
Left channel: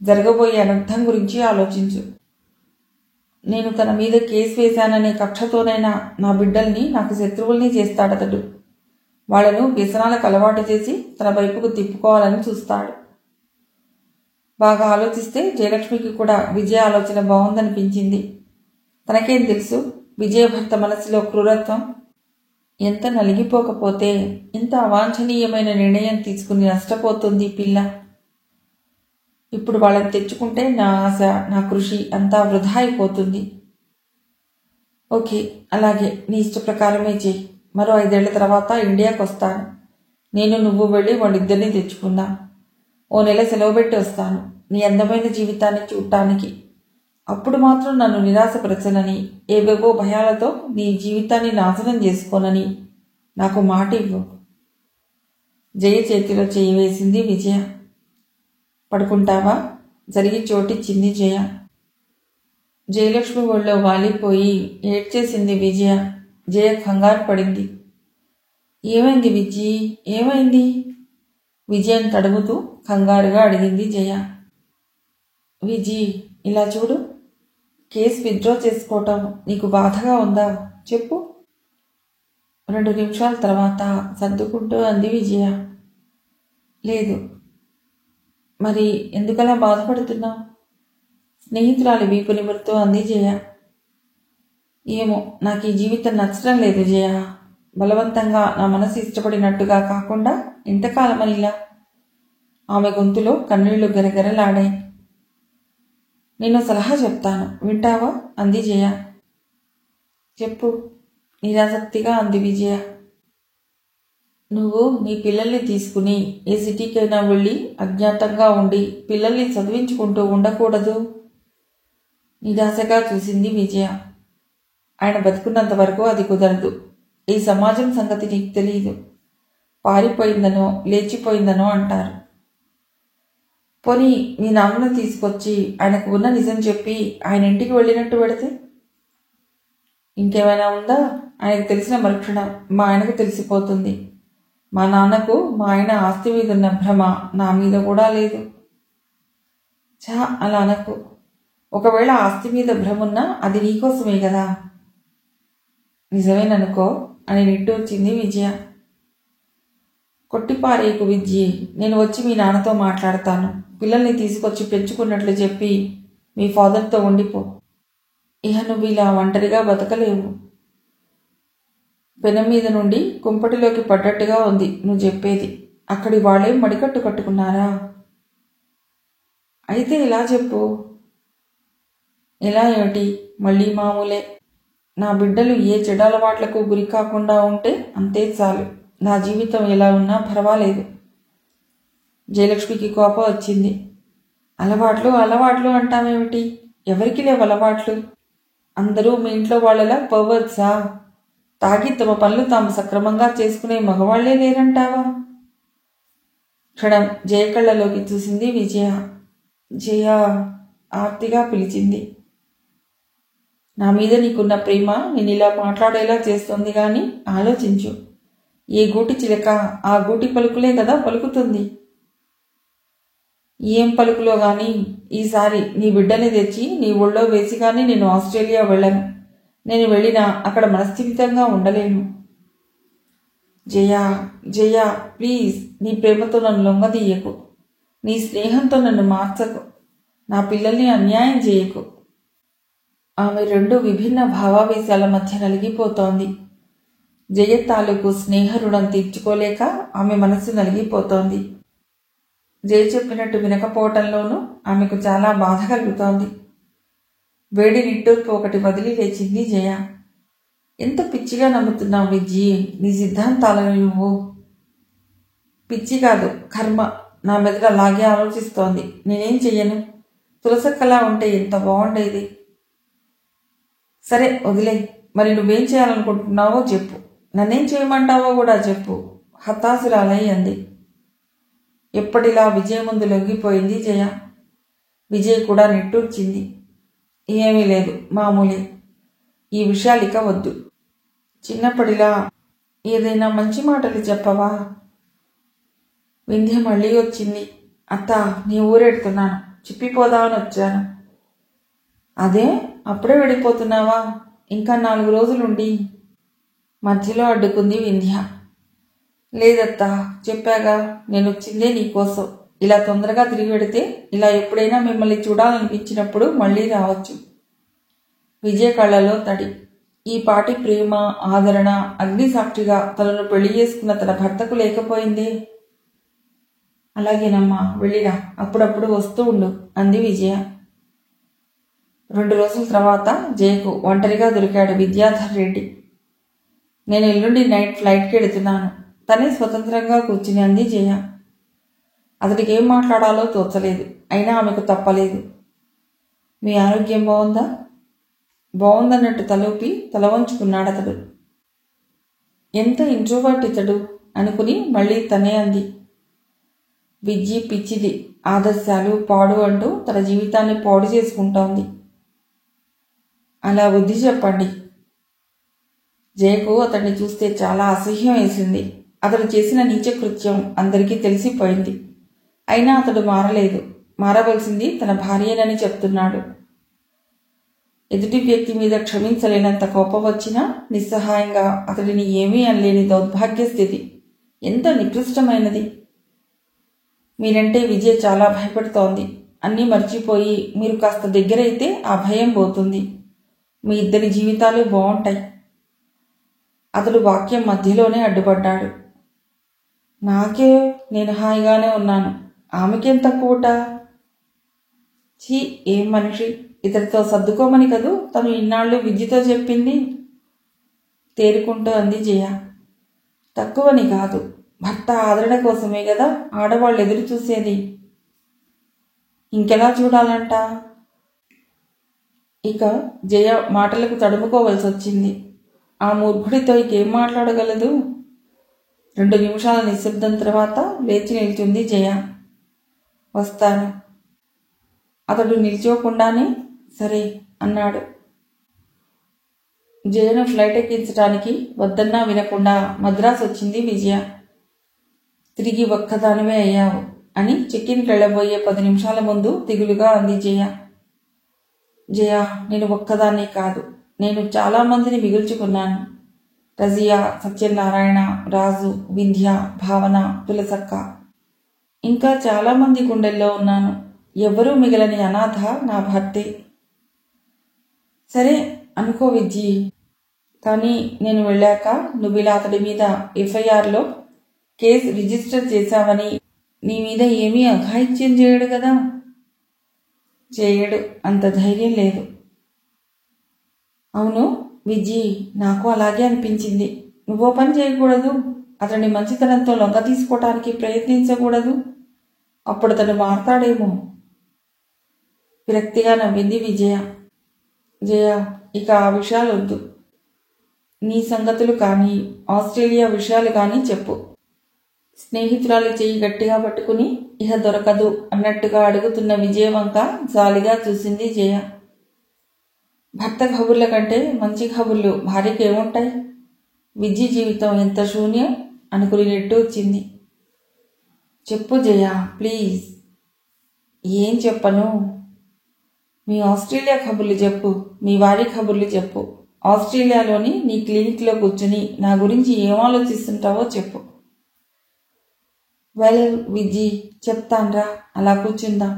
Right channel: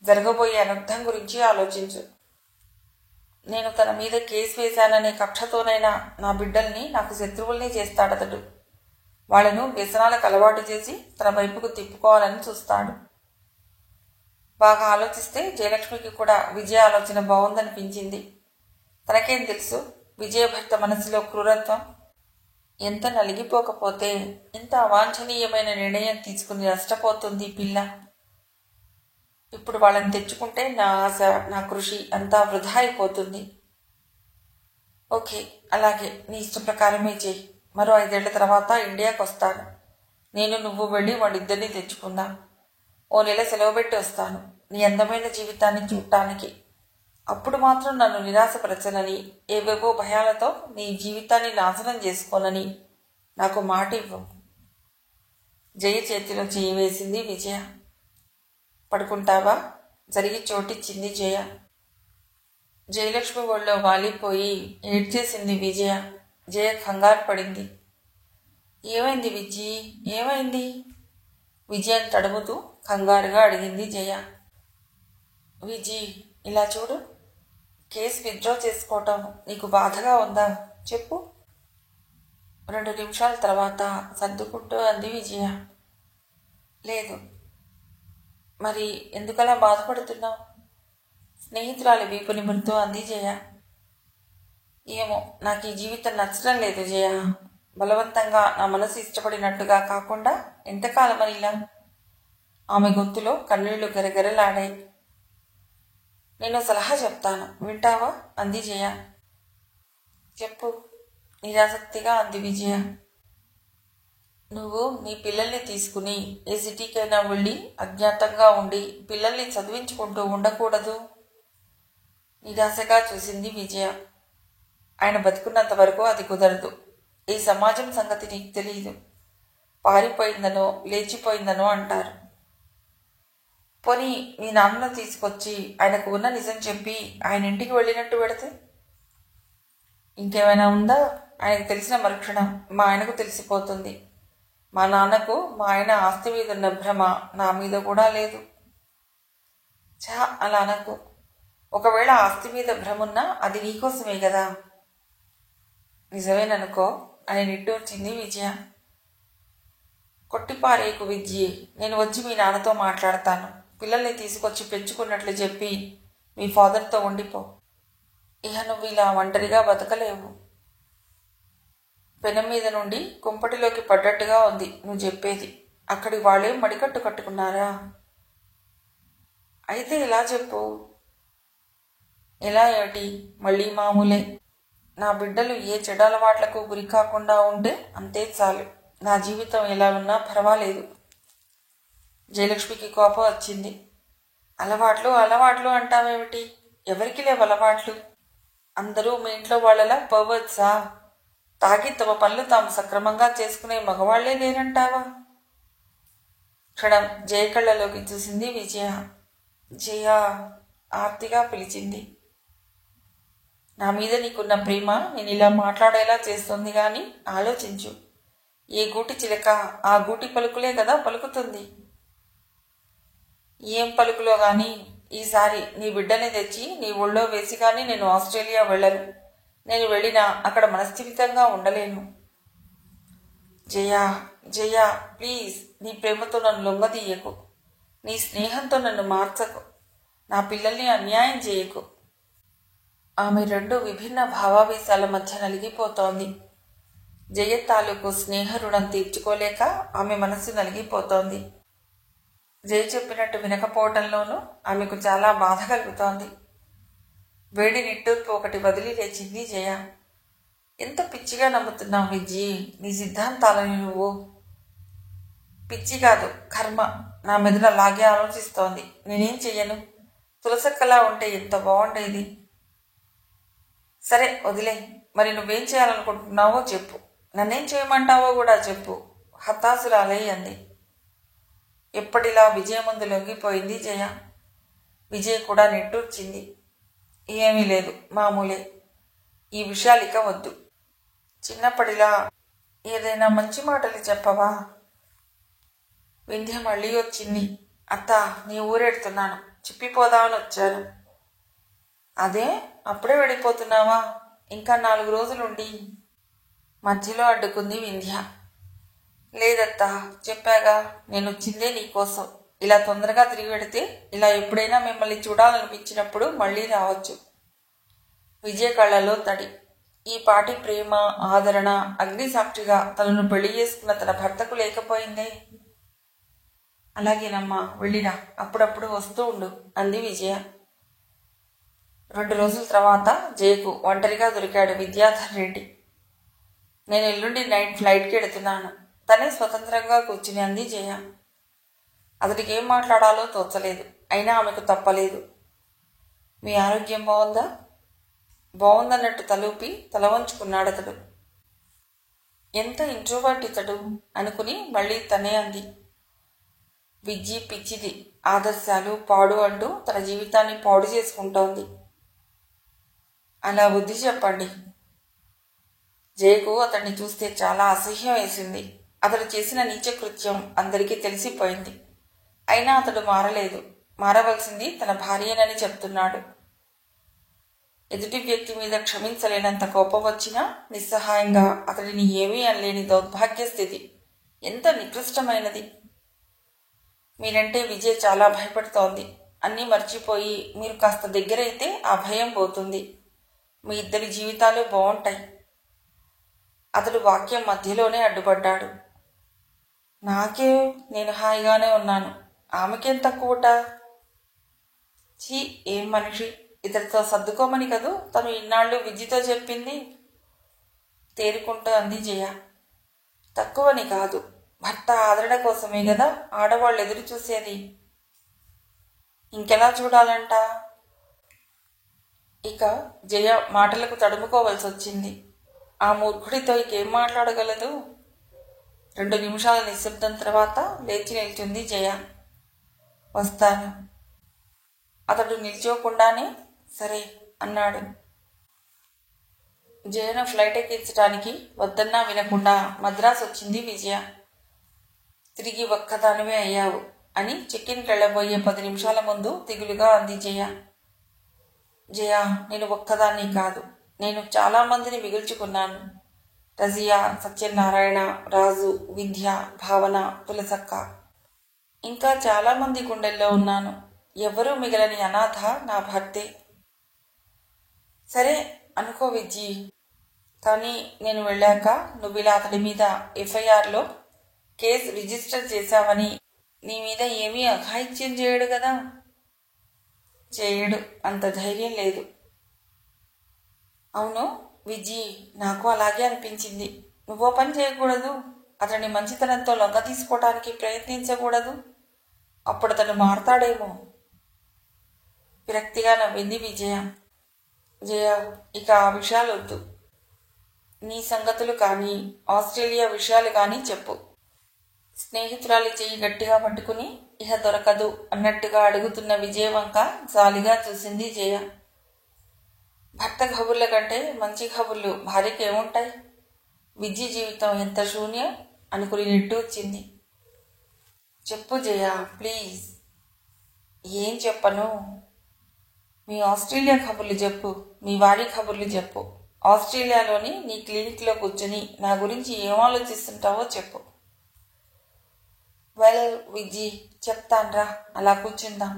జరగబోయే అనర్థం గురించి ఆలోచించు. నేను తన మీద కేసు వేశాననే కక్షతోనైనా నా బిడ్డల్ని నాకు శత్రువుల్ని చేస్తాడతడు. వాళ్లను వ్యసనాలకు అలవాటు చేసి తన వైపుకు తిప్పుకోవాలని చూస్తాడు. బాగా ఆలోచిస్తే జయలక్ష్మికి కూడా విజయ ఆలోచన బాగుందనిపించింది. తనకేం తెలుసు, విజయ భర్త మనసులో క్రూరత్వం. ఎంత నలిగిపోకపోతే ఇంత అవాంఛనీయమైన నిర్ణయం తీసుకుని నష్టపోతుంది పిల్ల. ఇప్పుడు వాళ్ళని తెచ్చుకుంటే నా ఆశ, నా కృషి అంతా వృధా అయిపోతుంది. ఓకే, అలాగే, నీ ఇష్ట ప్రకారమే చెయ్యి. మరో 5 ఏళ్ల తర్వాత ఇండియాకు వస్తాను. నేను, నువ్వు వెళ్ళి వాళ్ళిద్దరినీ తెచ్చుకుందాం. ఓ నెల సెలవు పెట్టి వస్తాను నీ అందమైన జీవితాన్ని చూడటానికి. అప్పుడు మాత్రం నన్ను నిరాశపరచనని, ఏవేవో భయాలతో నీ జీవితాన్ని నాశనం చేసుకోనని నాకు మాట ఇవ్వు. జయ చేతిలో చేయి వేసింది విజయ. పడుకుంటావా? జరిగి చోటిచ్చింది జయ. జయలక్ష్మి ఒళ్ళో వాలిపోయి ఏడ్చేసింది విజయ. జయ కంగారు పడింది. ఏమైంది విజయ్, ఏమైంది? విజయను తడుముతూ కంగారుగా అడిగింది జయ. విజయ్, ఇలా చూడు, కేసు విత్డ్రా చేసుకోవటం నీకు బాధగా ఉందా? చెప్పు. 2 నిమిషాల తర్వాత సర్దుకుంటూ అంది విజయ. లేదు. మరి ఎందుకలా బాధపడుతున్నావు? స్నేహితురాలి వీపు నిమురుతూ అంది జయ. ఏమో, నాకు ఈ జీవితం నచ్చడం లేదు జయ. బలవంతంగా నా మనసు ఇష్టపడినట్టుగా కాకుండా ఎంతకాలమని ఇలా? ఆమె గొంతులో కన్నీళ్లు గరగరలాడాయి. నేను సలహా చెప్తాను, వింటావా? అంది జయ. చెప్పు, నిరాసక్తిగా అంది విజయ. నువ్వు నీ పిల్లల్ని తీసుకుని ఏ సిటీకైనా వెళ్ళి అజ్ఞాతంగా ఉండి పిల్లల్ని చదివించుకుంటూ ఉండకూడదు? నిరాశగా చూసింది విజయ. ఆయన బతుకున్నంత వరకు అది కుదరదు. ఈ సమాజం సంగతి నీకు తెలియదు. పారిపోయిందనో లేచిపోయిందనో అంటారు. పోనీ మీ నాన్నను తీసుకొచ్చి ఆయనకు ఉన్న నిజం చెప్పి ఆయన ఇంటికి వెళ్ళినట్టు పెడితే? ఇంకేమైనా ఉందా? ఆయనకు తెలిసిన మరుక్షణం మా ఆయనకు తెలిసిపోతుంది. మా నాన్నకు మా ఆయన ఆస్తి మీద ఉన్న భ్రమ నా మీద కూడా లేదు. అలా అనకు. ఒకవేళ ఆస్తి మీద భ్రమున్నా అది నీకోసమే కదా. నిజమేననుకో అని నిట్టూర్చింది విజయ. కొట్టిపారేకు విద్యే, నేను వచ్చి మీ నాన్నతో మాట్లాడతాను. పిల్లల్ని తీసుకొచ్చి పెంచుకున్నట్లు చెప్పి మీ ఫాదర్తో ఉండిపో. ఇహ నువ్వు ఇలా ఒంటరిగా బతకలేవు. పెనం మీద నుండి కుంపటిలోకి పడ్డట్టుగా ఉంది నువ్వు చెప్పేది. అక్కడి వాళ్ళే మడికట్టు కట్టుకున్నారా? అయితే ఇలా చెప్పు. ఎలా ఏమిటి? మళ్ళీ మామూలే. నా బిడ్డలు ఏ చెడలవాట్లకు గురి కాకుండా ఉంటే అంతే చాలు. నా జీవితం ఎలా ఉన్నా పర్వాలేదు. జయలక్ష్మికి కోపం వచ్చింది. అలవాట్లు అలవాట్లు అంటావేమిటి? ఎవరికి లేవు అలవాట్లు? అందరూ మీ ఇంట్లో వాళ్ళలా పవర్సా? తాగి తమ పనులు తాము సక్రమంగా చేసుకునే మగవాళ్లే లేరంటావా? క్షణం జయ కళ్ళలోకి చూసింది విజయ. జయ ఆర్తిగా పిలిచింది. నా మీద నీకున్న ప్రేమ నేను ఇలా మాట్లాడేలా చేస్తోంది గాని ఆలోచించు. ఏ గూటి చిలక ఆ గూటి పలుకులే కదా పలుకుతుంది. ఏం పలుకులో గాని ఈసారి నీ బిడ్డని తెచ్చి నీ ఒళ్ళో వేసి గాని నేను ఆస్ట్రేలియా వెళ్ళను. నేను వెళ్ళినా అక్కడ మనస్థిమితంగా ఉండలేను. జయ జయ, ప్లీజ్, నీ ప్రేమతో నన్ను లొంగదీయకు. నీ స్నేహంతో నన్ను మార్చకు. నా పిల్లల్ని అన్యాయం చేయకు. ఆమె రెండు విభిన్న భావావేశాల మధ్య నలిగిపోతోంది. జయ తాలూకు స్నేహ రుణం తీర్చుకోలేక ఆమె మనస్సు నలిగిపోతోంది. జయ చెప్పినట్టు వినకపోవటంలోనూ ఆమెకు చాలా బాధ కలుగుతోంది. వేడి నిట్టూర్పు ఒకటి వదిలి లేచింది జయ. ఎంత పిచ్చిగా నమ్ముతున్నావు విజయ్ నీ సిద్ధాంతాలని నువ్వు? పిచ్చి కాదు, కర్మ నా మెదడు అలాగే ఆలోచిస్తోంది. నేనేం చెయ్యను? తులసక్కలా ఉంటే ఎంత బాగుండేది. సరే వదిలే. మరి నువ్వేం చేయాలనుకుంటున్నావో చెప్పు. నన్నేం చేయమంటావో కూడా చెప్పు. హతాశురాలై అంది. ఎప్పటిలా విజయ ముందు లొంగిపోయింది జయ. విజయ్ కూడా నిట్టూర్చింది. ఏమీ లేదు, మామూలే. ఈ విషయాలిక వద్దు. చిన్నప్పటిలా ఏదైనా మంచి మాటలు చెప్పవా? వింధ్య మళ్ళీ వచ్చింది. అత్త, నీ ఊరెడుతున్నాను, చెప్పిపోదామని వచ్చాను. అదే, అప్పుడే వెళ్ళిపోతున్నావా? ఇంకా 4 రోజులుండి. మధ్యలో అడ్డుకుంది వింధ్య. లేదత్తా, చెప్పాగా, నేను వచ్చిందే నీకోసం. ఇలా తొందరగా తిరిగి వెడితే ఇలా ఎప్పుడైనా మిమ్మల్ని చూడాలనిపించినప్పుడు మళ్లీ రావచ్చు. విజయ కళ్ళలో తడి. ఈ పాటి ప్రేమ ఆదరణ అగ్నిసాక్షిగా తనను పెళ్లి చేసుకున్న తన భర్తకు లేకపోయిందే. అలాగేనమ్మా, వెళ్ళిరా, అప్పుడప్పుడు వస్తూ ఉండు అంది విజయ. 2 రోజుల తర్వాత జయకు ఒంటరిగా దొరికాడు విద్యాధర్ రెడ్డి. నేను ఎల్లుండి నైట్ ఫ్లైట్కి వెళుతున్నాను. తనే స్వతంత్రంగా కూర్చుని అంది జయ. అతడికి ఏం మాట్లాడాలో తోచలేదు. అయినా ఆమెకు తప్పలేదు. మీ ఆరోగ్యం బాగుందా? బాగుందన్నట్టు తలూపి తల వంచుకున్నాడతడు. ఎంత ఇంట్రోవర్ట్ ఇతడు అనుకుని మళ్లీ తనే అంది. విజ్జి పిచ్చిది, ఆదర్శాలు పాడు అంటూ తన జీవితాన్ని పాడు చేసుకుంటోంది. అలా బుద్ధి చెప్పండి. జయకు అతన్ని చూస్తే చాలా అసహ్యం వేసింది. అతడు చేసిన నీచకృత్యం అందరికీ తెలిసిపోయింది. అయినా అతడు మారలేదు. మారవలసింది తన భార్యనని చెప్తున్నాడు. ఎదుటి వ్యక్తి మీద క్షమించలేనంత కోపం వచ్చినా నిస్సహాయంగా అతడిని ఏమీ అనలేని దౌర్భాగ్య స్థితి ఎంత నికృష్టమైనది. మీరంటే విజయ్ చాలా భయపడుతోంది. అన్నీ మర్చిపోయి మీరు కాస్త దగ్గరైతే ఆ భయం పోతుంది. మీ ఇద్దరి జీవితాలు బాగుంటాయి. అతడు వాక్యం మధ్యలోనే అడ్డుపడ్డాడు. నాకే, నేను హాయిగానే ఉన్నాను. ఆమెకేం తక్కువట? ఛీ, ఏం మనిషి! ఇతడితో సర్దుకోమని కదూ తను ఇన్నాళ్ళు విద్యతో చెప్పింది. తేరుకుంటూ అంది జయ. తక్కువని కాదు, భర్త ఆదరణ కోసమే కదా ఆడవాళ్ళు ఎదురు చూసేది. ఇంకెలా చూడాలంట? ఇక జయ మాటలకు తడుముకోవలసి వచ్చింది. ఆ మూర్ఖుడితో ఇంకేం మాట్లాడగలదు? 2 నిమిషాల నిశ్శబ్దం తర్వాత లేచి నిల్చుంది జయ. వస్తాను. అతడు నిల్చోకుండానే సరే అన్నాడు. జయను ఫ్లైట్ ఎక్కించడానికి వద్దన్నా వినకుండా మద్రాసు వచ్చింది విజయ. తిరిగి ఒక్కదానివే అయ్యావు అని చెక్కిన్కి వెళ్ళబోయే 10 నిమిషాల ముందు దిగులుగా అంది జయ. జయ, నేను ఒక్కదాన్నే కాదు, నేను చాలా మందిని మిగుల్చుకున్నాను. రజియా, సత్యనారాయణ, రాజు, వింధ్య, భావన, తులసక్క, ఇంకా చాలా మంది గుండెల్లో ఉన్నాను. ఎవరూ మిగలని అనాథ నా భర్తే. సరే అనుకో విజ్జి, కానీ నేను వెళ్ళాక నువ్విలా అతడి మీద ఎఫ్ఐఆర్లో కేసు రిజిస్టర్ చేశావని నీ మీద ఏమీ అఘాయిత్యం చేయడు కదా? చేయడు, అంత ధైర్యం లేదు. అవును విజ్జి, నాకు అలాగే అనిపించింది. నువ్వో పని చేయకూడదు, అతని మంచితనంతో లొంగ తీసుకోవటానికి ప్రయత్నించకూడదు. అప్పుడు అతడు మారతాడేమో. విరక్తిగా నవ్వింది విజయ. జయ, ఇక ఆ విషయాలు వద్దు. నీ సంగతులు కానీ ఆస్ట్రేలియా విషయాలు కానీ చెప్పు. స్నేహితురాలి చెయ్యి గట్టిగా పట్టుకుని ఇహ దొరకదు అన్నట్టుగా అడుగుతున్న విజయ వంక జాలిగా చూసింది జయ. భర్త కబుర్ల కంటే మంచి కబుర్లు భార్యకి ఏముంటాయి? విజయ జీవితం ఎంత శూన్యం అనుకుని నిట్టూర్చింది. చెప్పు జయ, ప్లీజ్. ఏం చెప్పను? మీ ఆస్ట్రేలియా కబుర్లు చెప్పు, మీ వారి కబుర్లు చెప్పు. ఆస్ట్రేలియాలోని నీ క్లినిక్లో కూర్చుని నా గురించి ఏం ఆలోచిస్తుంటావో చెప్పు. వెల్ విజ్జి, చెప్తాన్రా, అలా కూర్చుందాం.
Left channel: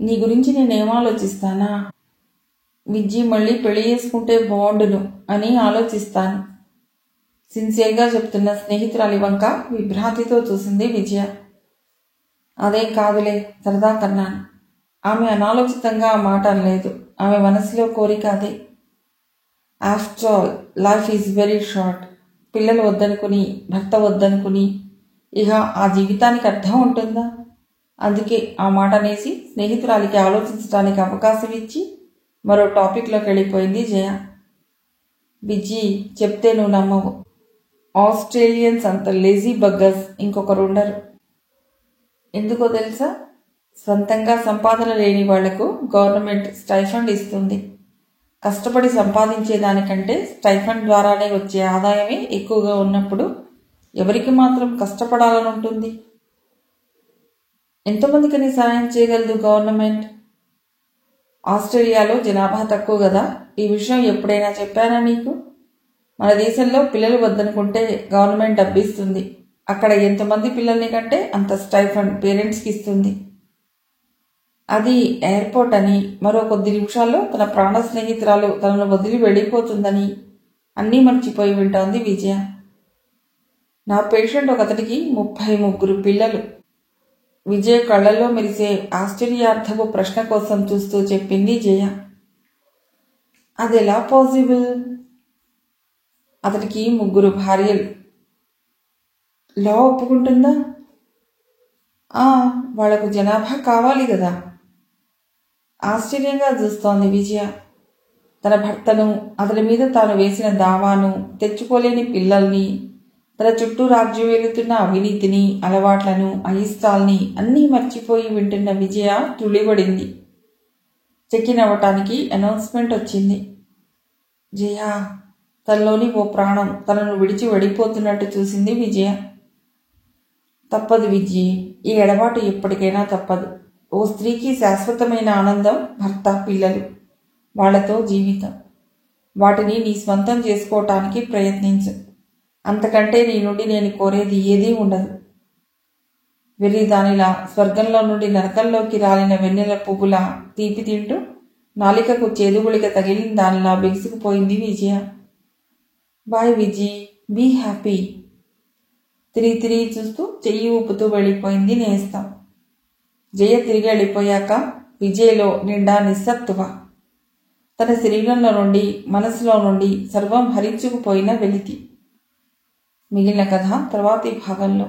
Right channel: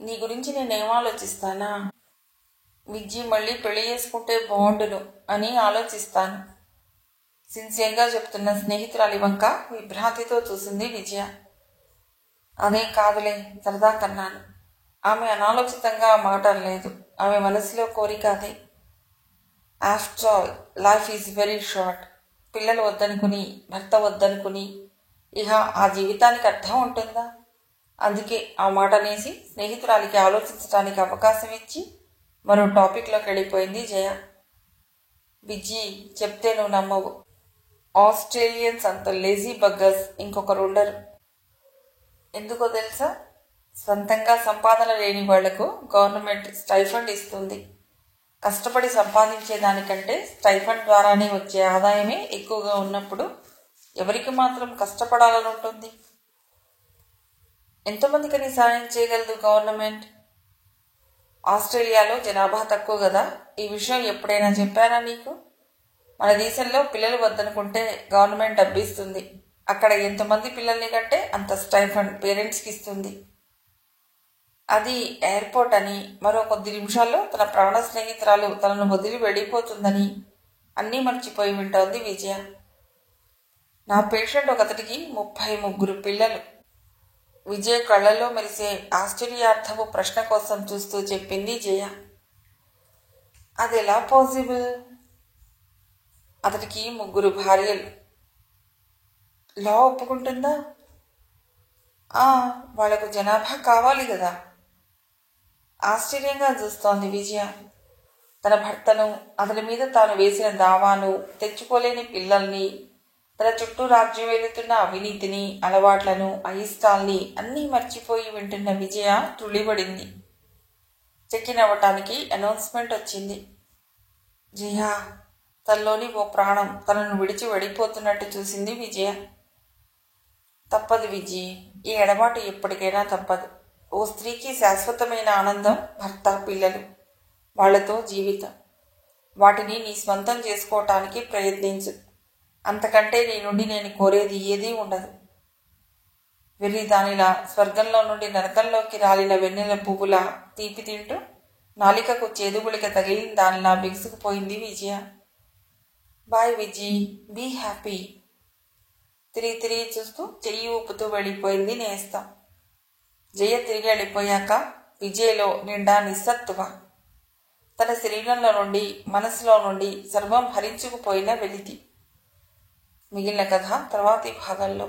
నీ గురించి నేనేం ఆలోచిస్తానా? విజ్జి మళ్ళీ పెళ్లి చేసుకుంటే బాగుండును అని ఆలోచిస్తాను. సిన్సియర్గా చెప్తున్న స్నేహితురాలి వంక విభ్రాంతితో చూసింది విజయ. అదేం కాదులే, సరదా కన్నాను. ఆమె అనాలోచితంగా ఆ మాట అనలేదు. ఆమె మనసులో కోరిక అదే. After all life is very short. పిల్లలు వద్దనుకుని, భర్త వద్దనుకుని ఇక ఆ జీవితానికి అర్థం ఉంటుందా? అందుకే ఆ మాట అనేసి స్నేహితురాలికి ఆలోచించడానికి అవకాశం ఇచ్చి మరో టాపిక్లోకి వెళ్ళిపోయింది జయ. విజ్జి, చెప్తే నువ్వు నమ్మవు. ఆస్ట్రేలియన్స్ అంత లేజీ బగ్గర్స్ ఇంకొకరు ఉండరు. ఎందుకో తెలుసా? సొంతంగా సంపాదన లేని వాళ్లకు గవర్నమెంట్ స్టైఫండ్ ఇస్తుంది. కష్టపడి సంపాదించేదానికంటే స్టైఫండ్ ద్వారానే వచ్చే ఆదాయమే ఎక్కువగా ఉన్నప్పుడు ఎవరికి మాత్రం కష్టపడాలని ఉంటుంది? ఎంతమందికని సాయం చేయగలదు గవర్నమెంట్? ఆస్ట్రేలియాలో జనాభా తక్కువ కదా. ఈ విషయం ఎప్పుడైనా చెప్పానా నీకు? మన దేశంలో పిల్లలు వద్దనుకుంటే గవర్నమెంట్ డబ్బిస్తుంది. అక్కడ ఎంతమంది పిల్లల్ని కంటే అంత స్టైఫండ్ పేరెంట్స్కి ఇస్తుంది. అది ఎయిర్పోర్ట్ అని, మరో కొద్ది నిమిషాల్లో తన ప్రాణ స్నేహితురాలు తనను వదిలి వెళ్ళిపోతుందని అన్నీ మర్చిపోయి వింటోంది విజయ. నా పేషెంట్ ఒకతడికి 33 పిల్లలు. విజయ్ కళ్లలో మెరిసే ఆశ్చర్యార్థపు ప్రశ్న కోసం చూస్తూ చెప్పింది జయ. అదెలా పాసిబుల్? అతడికి 3 భార్యలు. లా ఒప్పుకుంటుందా? వాళ్లకు జనాభా కావాలి కదా. ఆశ్చర్యంగా చూస్తోంది విజయ. తన భర్తను, అతని మీద తాను వేసిన దావాను, తెచ్చుకోలేని పిల్లల్ని, తన చుట్టూ రాజ్యం వెళుతున్న అవినీతిని, అలవాట్లను, అయిష్టాల్ని అన్నీ మర్చిపోయి వింటున్న విజయ తుళ్ళిపడింది. చెక్కిన్ అవ్వటానికి అనౌన్స్మెంట్ వచ్చింది. జయ, తనలోని ఓ ప్రాణం తనను విడిచి వెళ్ళిపోతున్నట్టు చూసింది విజయ. తప్పదు విజయ్, ఈ ఎడబాటు ఎప్పటికైనా తప్పదు. ఓ స్త్రీకి శాశ్వతమైన ఆనందం భర్త, పిల్లలు, వాళ్లతో జీవితం. వాటిని నీ స్వంతం చేసుకోవటానికి ప్రయత్నించు. అంతకంటే నీ నుండి నేను కోరేది ఏదీ ఉండదు. వెర్రి దానిలా స్వర్గంలో నుండి నరకంలోకి రాలిన వెన్నెల పువ్వులా తీపి తింటూ నాలికకు చేదుగుళిక తగిలిన దానిలా బిగుసుకుపోయింది Vijaya. Bye Viji, be happy. తిరిగి చూస్తూ చెయ్యి ఊపుతూ వెళ్ళిపోయింది నేస్తం. జయ తిరిగి వెళ్ళిపోయాక విజయ్లో నిండా నిస్సత్తువ. తన శరీరంలో నుండి మనసులో నుండి సర్వం హరించుకుపోయిన వెలితి. మిగిలిన కథ తర్వాతి భాగంలో.